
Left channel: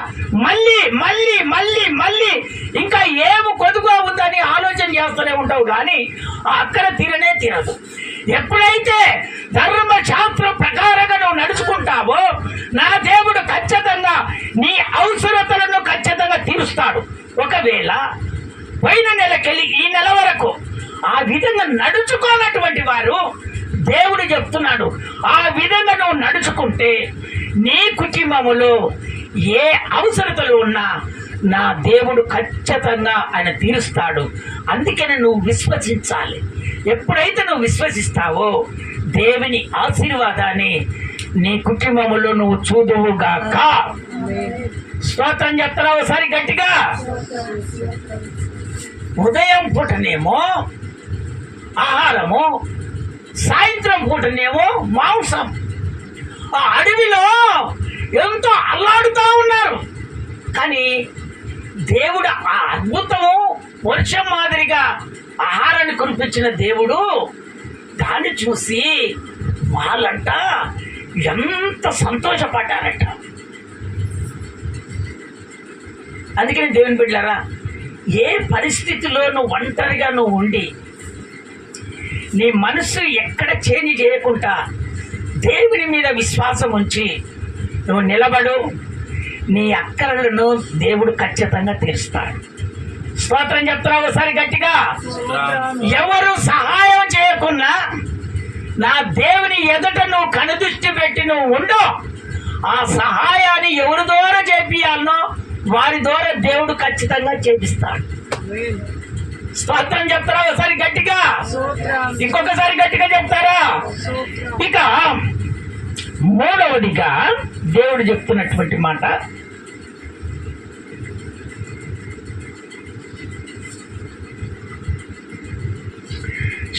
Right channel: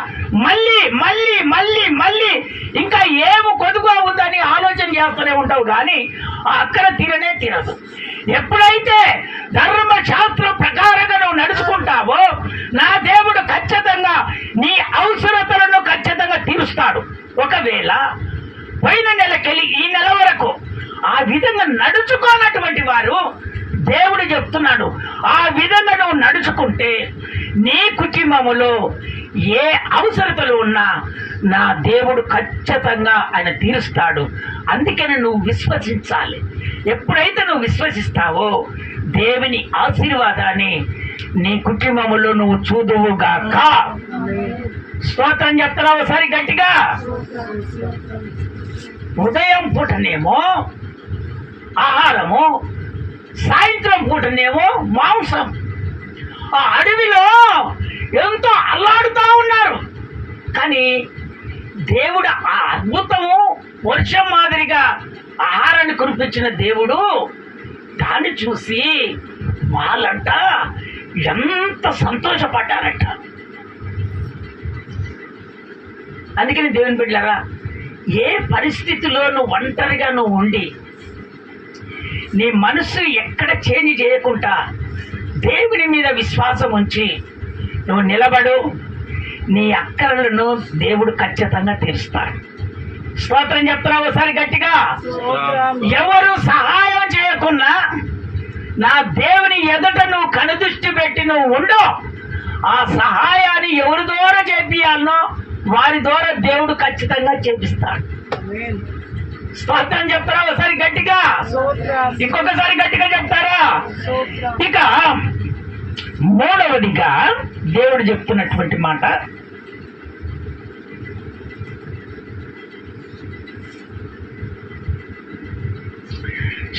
మళ్ళీ మళ్ళీ మళ్ళీ మళ్ళీ ఇంకా ఏమో కొదుగా ఉందని ఆలోచన చేస్తూనే ఉంటావు కానీ అక్కడ తీరదు. ఎప్పుడైతే ధర్మశాస్త్రం ప్రకారంగా నువ్వు నడుచుకుంటావో నా దేవుడు ఖచ్చితంగా నీ అవసరతలను ఖచ్చితంగా తీరుస్తాడు. ఒకవేళ పోయిన నెలకెళ్ళి ఈ నెల వరకు ఆ విధంగా నడుచుకోనటువంటి వారు దేవుడు చెప్తున్నాడు, ఆ విధంగా నువ్వు నడుచుకుంటే నీ కుటుంబములో ఏ అవసరతలు ఉన్నా నా దేవుడు ఖచ్చితంగా ఆయన తీరుస్తాడు. అందుకని నువ్వు విశ్వసించాలి. ఎప్పుడైతే నువ్వు విశ్వసిస్తావో దేవుని ఆశీర్వాదాన్ని నీ కుటుంబములో నువ్వు చూదువుగాక. స్తోత్రం చెప్తారా ఒకసారి గట్టిగా? ఉదయం పూటనేమో ఆహారము, సాయంత్రం పూటనేమో మాంసం. ఆ అడవిలో ఎంతో అల్లాడుతూ ఉన్నారు. కానీ దేవుడు ఆ అద్భుతము వర్షం మాదిరిగా ఆహారాన్ని కురిపించిన దేవుడు దాన్ని చూసి వాళ్ళంట ఎంత సంతోషపడ్డారట. అందుకని దేవుని బిడ్డలారా, ఏ పరిస్థితిలో నువ్వు ఒంటరిగా నువ్వు ఉండి నీ మనసు ఎక్కడ చేంజ్ చేయకుండా దేవుని మీద విశ్వాసం ఉంచి నువ్వు నిలబడు, నీ అక్కరలను దేవుడు ఖచ్చితంగా తీరుస్తాడు. స్తోత్రం చెప్తున్నావు ఒకసారి గట్టిగా. ఎవరు సహాయం చేయకున్నా నా దేవుని ఎదుట నువ్వు కనుదృష్టి పెట్టి నువ్వు ఉండు, ఆ సహాయాన్ని ఎవరి ద్వారా చేపియాలనో వారి ద్వారా దేవుడు ఖచ్చితంగా చేపిస్తాడు. స్తోత్రం చెప్తారా ఒకసారి గట్టిగా, ఇంకొకసారి గట్టిగా చెప్తారా? ఇక మూడవదిగా దేవుడు చెప్తున్నటువంటి మాట,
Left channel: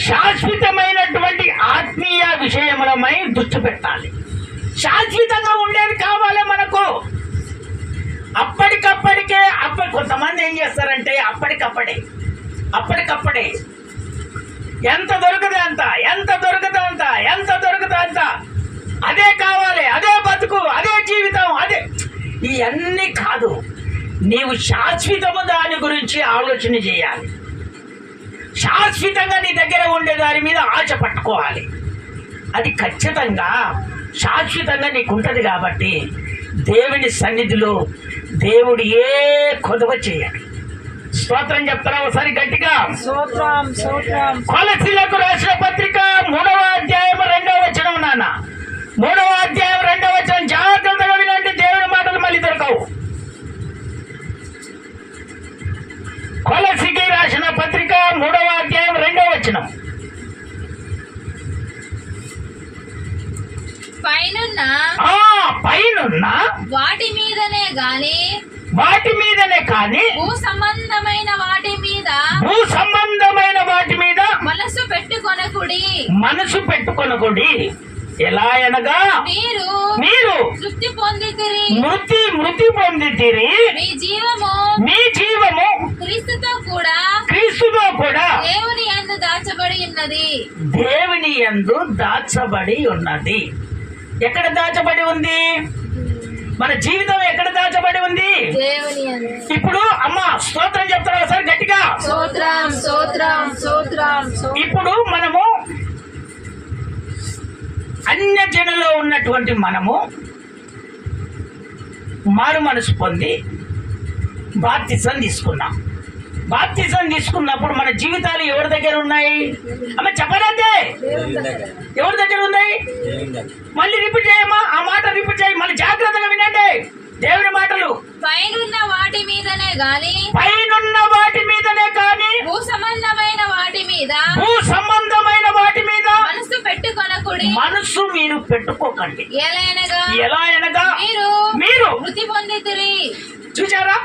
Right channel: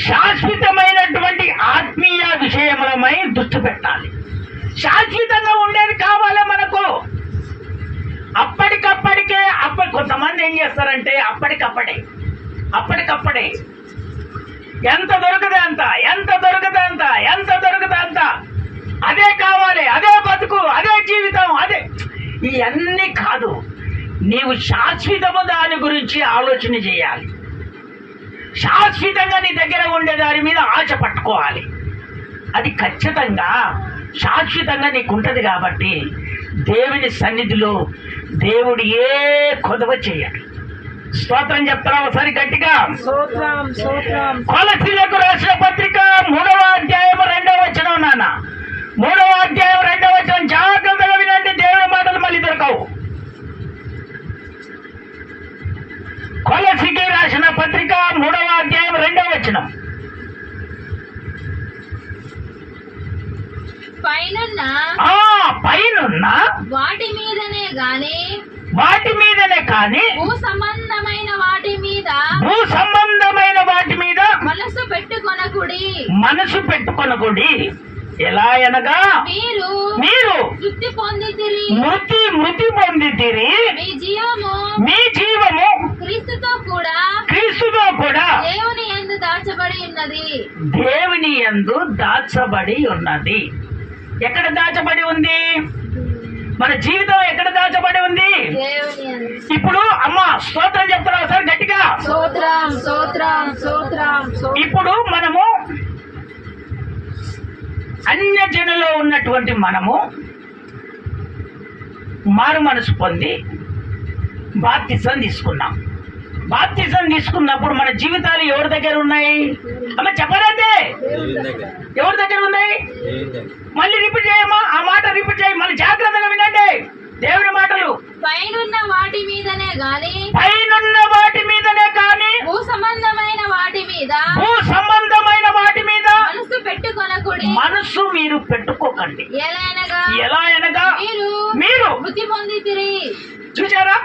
శాశ్వతమైనటువంటి ఆత్మీయ విషయములమై దృష్టి పెట్టాలి. శాశ్వతంగా ఉండేది కావాలి మనకు. అప్పటికప్పటికే కొంతమంది ఏం చేస్తారంటే అప్పటికప్పుడే ఎంత దొరకదే అంత, ఎంత దొరకదే అంత, ఎంత దొరకదే అంత, అదే కావాలి, అదే బతుకు, అదే జీవితం, అదే. ఇవన్నీ కాదు, నీవు శాశ్వతము దాని గురించి ఆలోచన చేయాలి. శాశ్వతంగా నీ దగ్గర ఉండే దాని మీద ఆశ పట్టుకోవాలి. అది ఖచ్చితంగా శాశ్వతంగా నీకు ఉంటుంది. కాబట్టి దేవుని సన్నిధిలో దేవుడు ఏ కొదవ చేయడు. స్తోత్రం చెప్తారా ఒకసారి గట్టిగా? కొలసీలకు రాసిన పత్రిక 3వ అధ్యాయం 2వ వచనం. నాన్న 3వ అధ్యాయం 2వ వచనం జాగ్రత్తగా వినండి, దేవుని మాటలు మళ్ళీ దొరకవు. కొలసీకి రాసిన పత్రిక 3వ అధ్యాయం 2వ వచనం. పైనున్న వాటి మీదనే కానీ భూ సంబంధమైన వాటి మీద మనసు పెట్టుకొనకుడి. ఎలా అనగా మీరు మృతి పొందితిరి, మీ జీవము క్రీస్తుతో కూడా దేవుని యందు దాచబడి ఉన్నది. ఎక్కడ దాచబడి ఉంది? మన జీవితం ఎక్కడ దాచబడి ఉంది? ఇప్పుడు అమ్మ స్తోత్రం చెప్తారా సార్ గట్టిగా? ఇప్పుడు మనము అన్య జనులో ఉన్నటువంటి మనము మారు మనసు పొంది బాప్తిసం తీసుకున్నాం. బాప్తిసం తీసుకున్నప్పుడు మన జీవితాలు ఎవరి దగ్గర ఉన్నాయి? అమ్మ చెప్పాలంటే ఎవరి దగ్గర ఉన్నాయి? మళ్ళీ రిపీట్ చేయమ్మా, ఆ మాట రిపీట్ చేయి, మళ్ళీ జాగ్రత్తగా వినండి దేవుని మాటలు. పైనున్న వాటి మీదనే గాని భూ సంబంధమైన వాటి మీద మనసు మీరు పెట్టుకోకండి. ఎలా అనగా మీరు మృతి పొందితిరి. చూసారా?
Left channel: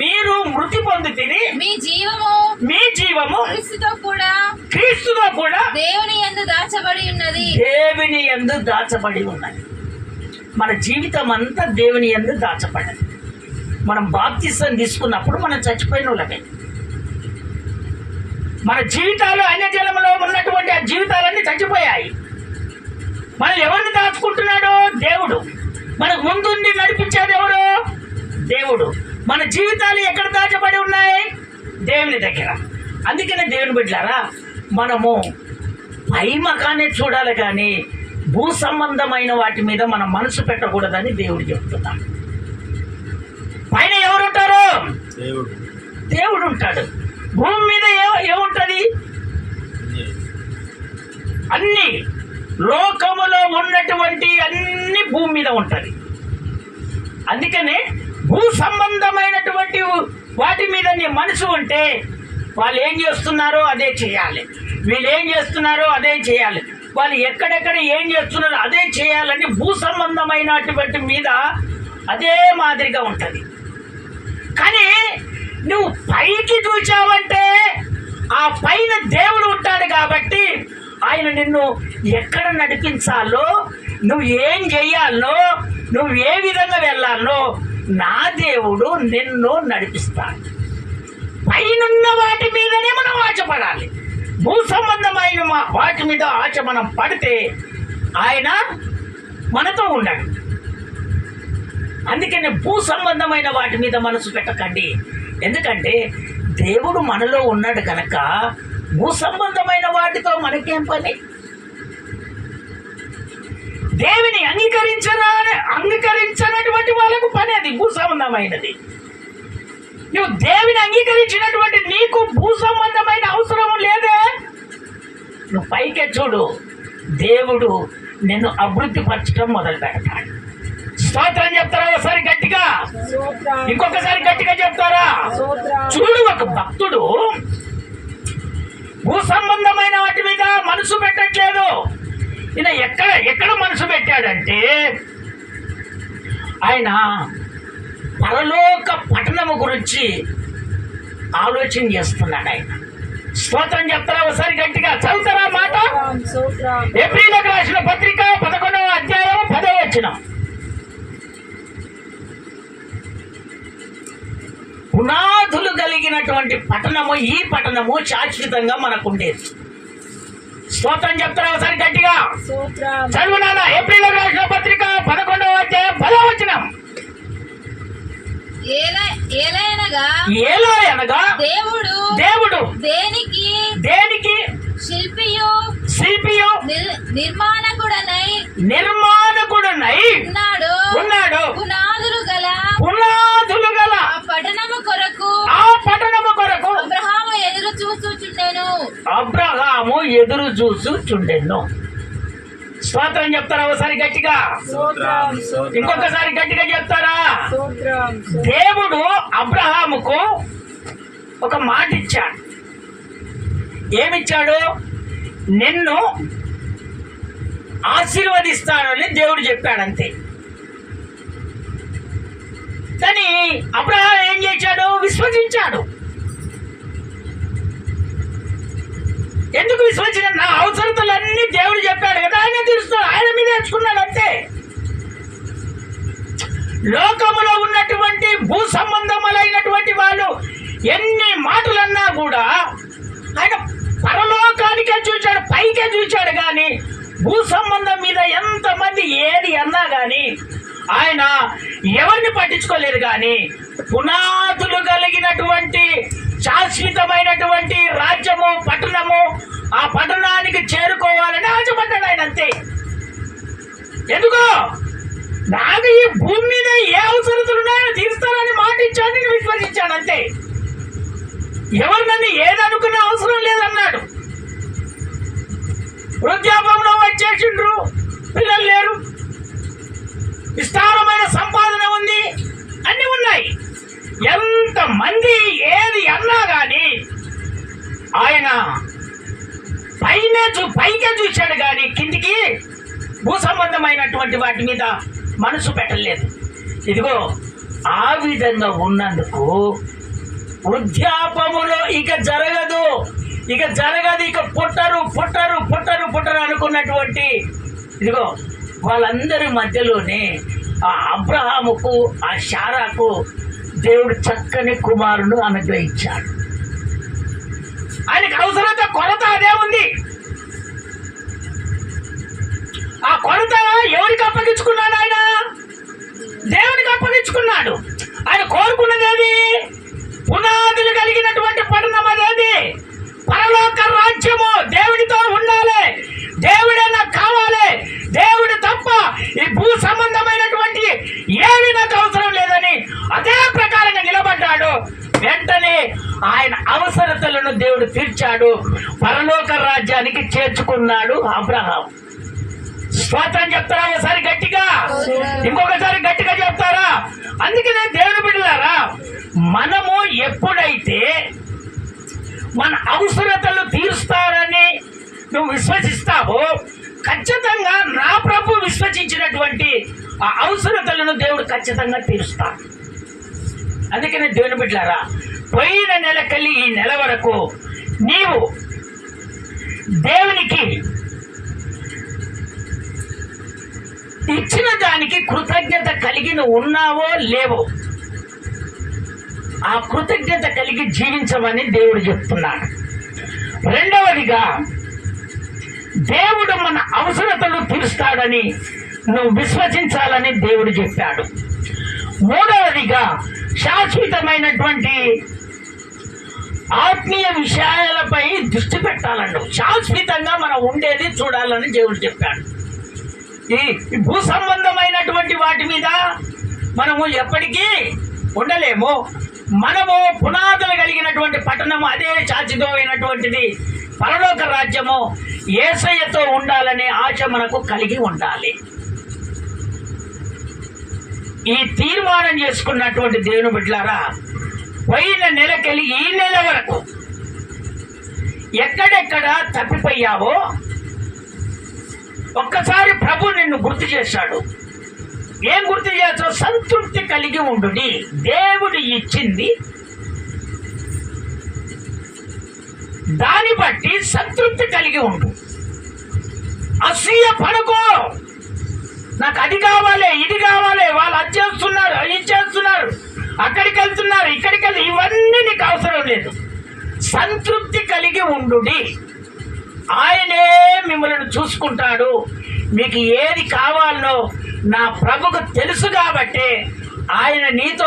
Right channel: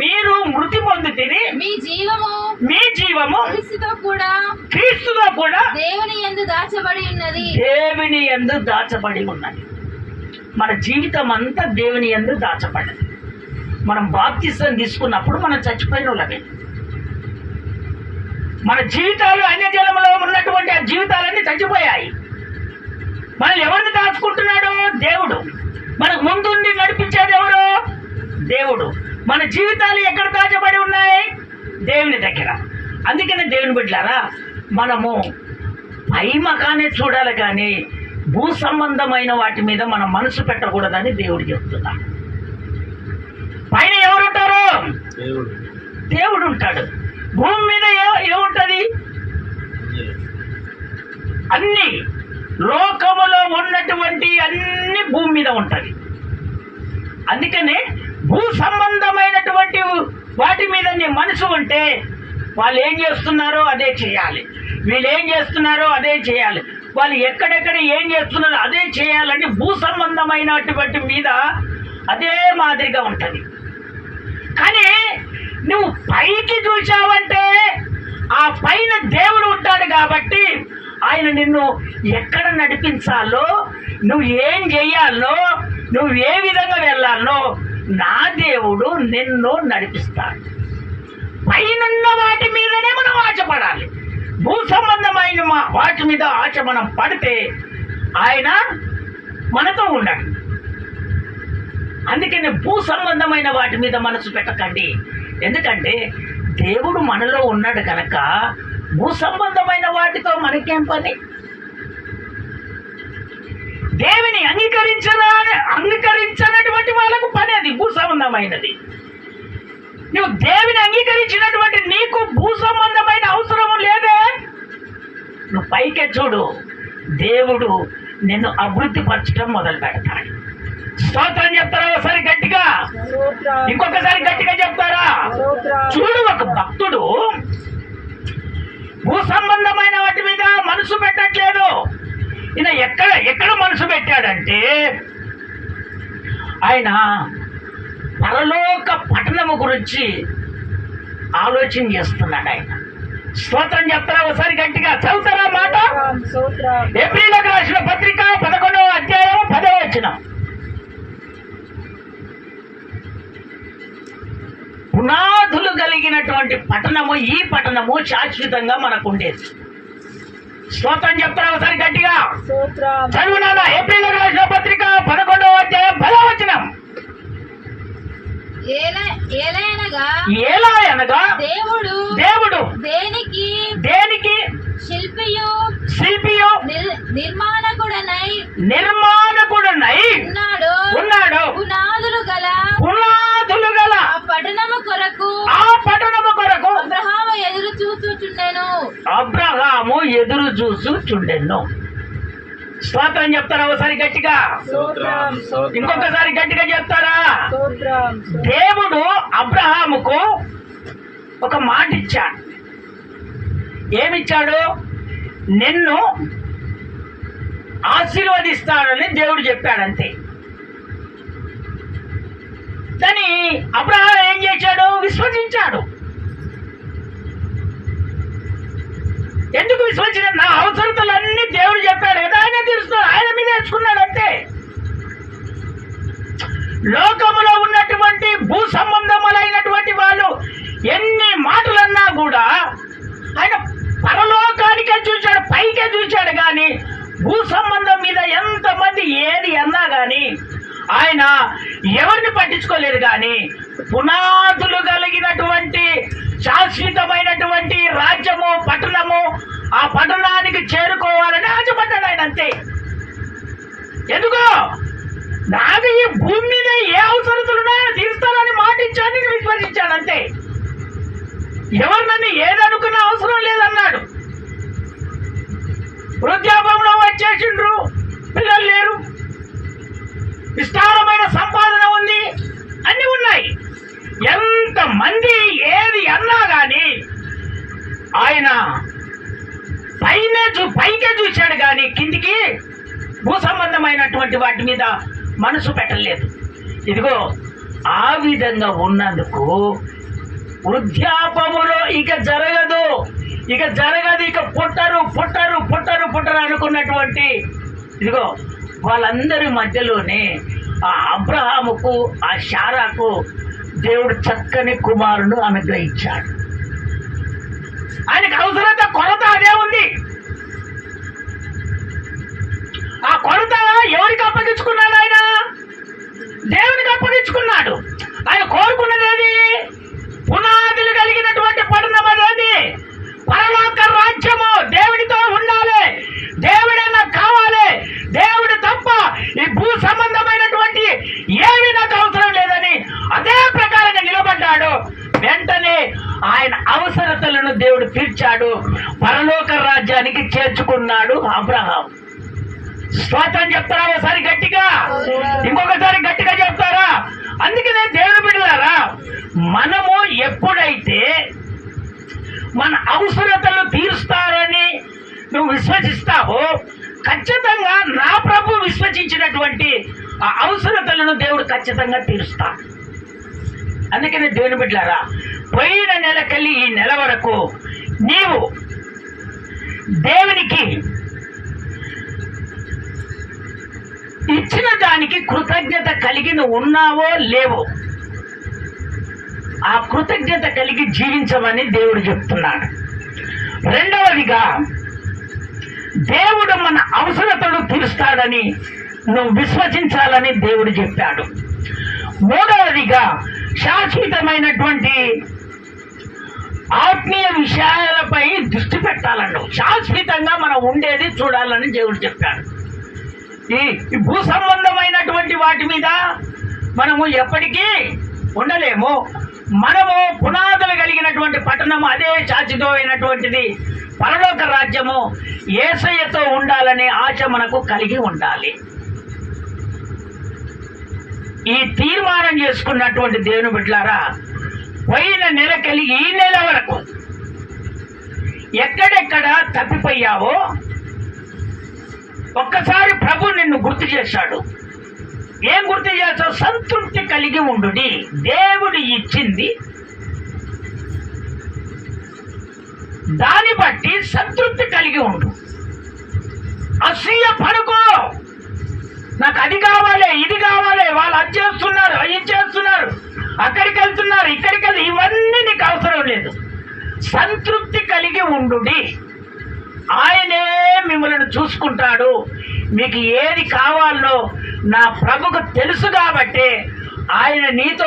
మీరు మృతి పొందితిరి, మీ జీవము క్రీస్తుతో కూడా దేవుని యందు దాచబడి ఉన్నది. మన జీవితం అంతా దేవుని యందు దాచబడింది. మనం బాప్తిసం తీసుకున్నప్పుడు మనం చచ్చిపోయిన వాళ్ళమే. మన జీవితాలు అన్యజనంలో ఉన్నటువంటి ఆ జీవితాలన్నీ చచ్చిపోయాయి. మనం ఎవరిని దాచుకుంటున్నాడు? దేవుడు. మనకు ముందుండి నడిపించేది ఎవరు? దేవుడు. మన జీవితాలు ఎక్కడ దాచబడి ఉన్నాయి? దేవుని దగ్గర. అందుకనే దేవుని బిడ్డలారా, మనము పై మకానే చూడాలి కానీ భూ సంబంధమైన వాటి మీద మనం మనసు పెట్టకూడదని దేవుడు చెప్తున్నాడు. పైన ఎవరుంటారు? దేవుడు ఉంటాడు. భూమి మీద ఏముంటది? అన్ని లోకములో ఉన్నటువంటి అన్ని భూమి మీద ఉంటది. అందుకనే భూ సంబంధమైనటువంటి వాటి మీద నీ మనసు ఉంటే వాళ్ళు ఏం చేస్తున్నారో అదే చేయాలి, వీళ్ళు ఏం చేస్తున్నారో అదే చేయాలి, వాళ్ళు ఎక్కడెక్కడ ఏం చేస్తున్నారో అదే చేయాలంటే భూ సంబంధమైనటువంటి మీద అదే మాదిరిగా ఉంటుంది. కానీ నువ్వు పైకి చూచావంటే ఆ పైన దేవుడు ఉంటాడు కాబట్టి ఆయన నిన్ను ఎక్కడ నడిపించాలో, నువ్వు ఏం చెయ్యాలో, నువ్వు ఏ విధంగా వెళ్ళాలో నా దేవుడు నిన్ను నడిపిస్తాడు. పైనున్న వాటి మీదనే మనం ఆశపడాలి. భూ సంబంధమైన వాటి మీద ఆశ మనం పడితే ఆయన మనతో ఉన్నాడు. అందుకని భూ సంబంధమైన వాటి మీద మనసు పెట్టకండి. ఎందుకంటే దేవుడు మనలో ఉన్నాడు కనుక భూ సంబంధమైన వాటితో మనకేం పని? దేవుని అంగీకరించినటువంటి వాళ్ళకు పని అది భూ సంబంధమైనది. నువ్వు దేవుని అంగీకరించినటువంటి నీకు భూ సంబంధమైన అవసరం లేదే. నువ్వు పైకే చూడు, దేవుడు నిన్ను అభివృద్ధి పరచడం మొదలు పెడతాడు. స్తోత్రం చెప్తారా ఒకసారి గట్టిగా? ఇంకొకసారి గట్టిగా చెప్తారా? చూడు, ఒక భక్తుడు భూ సంబంధమైన వాటి మీద మనసు పెట్టట్లేదు. ఈయన ఎక్కడ మనసు పెట్టాడంటే ఆయన పరలోక పట్టణము గురించి ఆలోచన చేస్తున్నాడు. ఆయన స్తోత్రం చెప్తారా ఒకసారి గట్టిగా? చదువుతారా మాట? ఏప్రిల్కి రాసిన పత్రిక 11వ అధ్యాయం 10వ వచనం. పునాదులు కలిగినటువంటి పట్టణము, ఈ పట్టణము శాశ్వతంగా మనకు ఉండేది. స్తోత్రం చెప్తారా ఒకసారి గట్టిగా? చదువునారా? ఏప్రిల్కి రాసిన పత్రిక 11వ అధ్యాయం 10వ వచనం. ఎలా అనగా దేవుడు దేనికి శిల్పియు నిర్మాణకుడనై ఉన్నాడు. పునాదులు గల ఆ పట్టణము కొరకు అబ్రహాము ఎదురు చూచుచుండెను. స్తోత్రం చెప్తారా ఒకసారి గట్టిగా? ఇంకొకసారి గట్టిగా చెప్తారా? దేవుడు అబ్రహాముకు ఒక మాట ఇచ్చాడు. ఏమిచ్చాడు? నిన్ను ఆశీర్వదిస్తానని దేవుడు చెప్పాడు, అంతే. కానీ అబ్రహాం ఏం చేశాడు? విశ్వసించాడు. ఎందుకు విశ్వసించాడు? నా అవసరతలన్నీ దేవుడు చెప్పాడు కదా, ఆయన తీరుస్తాడు, ఆయన మీద నేర్చుకున్నాడు, అంతే. లోకములో ఉన్నటువంటి భూ సంబంధములైనటువంటి వాళ్ళు ఎన్ని మాటలన్నా కూడా ఆయన పరలోకానికే చూశాడు, పైకే చూశాడు. కానీ భూ సంబంధం మీద ఎంతమంది ఏది అన్నా కానీ ఆయన ఎవరిని పట్టించుకోలేరు. కానీ పునాదులు కలిగినటువంటి శాశ్వతమైనటువంటి రాజ్యము, పట్టణము, ఆ పట్టణానికి చేరుకోవాలని ఆశపడ్డాడు ఆయన, అంతే. ఎందుకో నాకు ఈ భూమి మీద ఏ అవసరతలు ఉన్నాయో తీరుస్తానని మాట ఇచ్చాడు, నేను విశ్వసించాడు, అంతే. ఎవరు నన్ను ఏదనుకున్న అవసరం లేదన్నాడు. వృద్ధాపంలో వచ్చేసిండ్రు, పిల్లలు లేరు, విస్తారమైన సంపాదన ఉంది, అన్ని ఉన్నాయి. ఎంతమంది ఏది అన్నా కానీ ఆయన పైకే చూశాడు, కానీ కిందికి భూ సంబంధమైనటువంటి వాటి మీద మనసు పెట్టలేదు. ఇదిగో ఆ విధంగా ఉన్నందుకు వృద్ధాపములో ఇక జరగదు, ఇక పుట్టరు అనుకున్నటువంటి ఇదిగో వాళ్ళందరి మధ్యలోనే ఆ అబ్రహాముకు, ఆ శారాకు దేవుడు చక్కని కుమారుడు అనుగ్రహించాడు. ఆయనకు అవసరత కొరత అదే ఉంది. ఆ కొరత ఎవరికి అప్పగించుకున్నాడు? ఆయన దేవునికి అప్పగించుకున్నాడు. ఆయన కోరుకున్నది ఏది? పునాదులు కలిగినటువంటి పట్టణం అదేది? పరలోక రాజ్యము. దేవుడితో ఉండాలి, దేవుడే నాకు కావాలి, దేవుడు తప్ప ఈ భూ సంబంధమైనటువంటి ఏమి నాకు అవసరం లేదని అదే ప్రకారంగా నిలబడ్డాడు. వెంటనే ఆయన అవసరతలను దేవుడు తీర్చాడు, పరలోక రాజ్యానికి చేర్చుకున్నాడు అబ్రహాం. స్తోత్రం చెప్తారా ఒకసారి గట్టిగా? ఇంకొకసారి గట్టిగా చెప్తారా? అందుకనే దేవుని బిడ్డలారా, మనము ఎప్పుడైతే మన అవసరతలు తీరుస్తారని నువ్వు విశ్వసిస్తావో, ఖచ్చితంగా నా ప్రభు విశ్వసించినటువంటి ఆ అవసరతలను దేవుడు ఖచ్చితంగా తీరుస్తాడు. అందుకని దేవుని బిడ్డలారా, పోయిన నెలకెళ్ళి ఈ నెల వరకు నీవు దేవునికి ఇచ్చిన దానికి కృతజ్ఞత కలిగి నువ్వు ఉన్నావో లేవో, ఆ కృతజ్ఞత కలిగి జీవించమని దేవుడు చెప్తున్నాడు. రెండవదిగా, దేవుడు మన అవసరతలు తీరుస్తాడని నువ్వు విశ్వసించాలని దేవుడు చెప్పాడు. మూడవదిగా, శాశ్వతమైనటువంటి ఆత్మీయ విషయాలపై దృష్టి పెట్టాలను, శాశ్వతంగా మనం ఉండేది చూడాలని దేవుడు చెప్పాడు. ఈ భూ సంబంధమైనటువంటి వాటి మీద మనము ఎప్పటికీ ఉండలేము. మనము పునాదులు కలిగినటువంటి పట్టణము, అదే శాశ్వతమైనటువంటిది పరలోక రాజ్యము, యేసయ్యతో ఉండాలనే ఆశ మనకు కలిగి ఉండాలి. ఈ తీర్మానం చేసుకున్నటువంటి దేవుని బిడ్డలారా, పోయిన నెలకెళ్ళి ఈ నెల వరకు ఎక్కడెక్కడ తప్పిపోయావో ఒక్కసారి ప్రభు నిన్ను గుర్తు చేశాడు. ఏం గుర్తు చేస్తావు? సంతృప్తి కలిగి ఉండు. దేవుడు ఇచ్చింది దాన్ని బట్టి సంతృప్తి కలిగి ఉండు. అసూయ పడుకో. నాకు అది కావాలి, ఇది కావాలి, వాళ్ళు అది చేస్తున్నారు, ఇది చేస్తున్నారు, అక్కడికి వెళ్తున్నారు, ఇక్కడికి వెళ్తున్నారు, ఇవన్నీ నీకు అవసరం లేదు. సంతృప్తి కలిగి ఉండు. ఆయనే మిమ్మల్ని చూసుకుంటాడు. మీకు ఏది కావాలో నా ప్రభుకు తెలుసు కాబట్టి ఆయన నీతో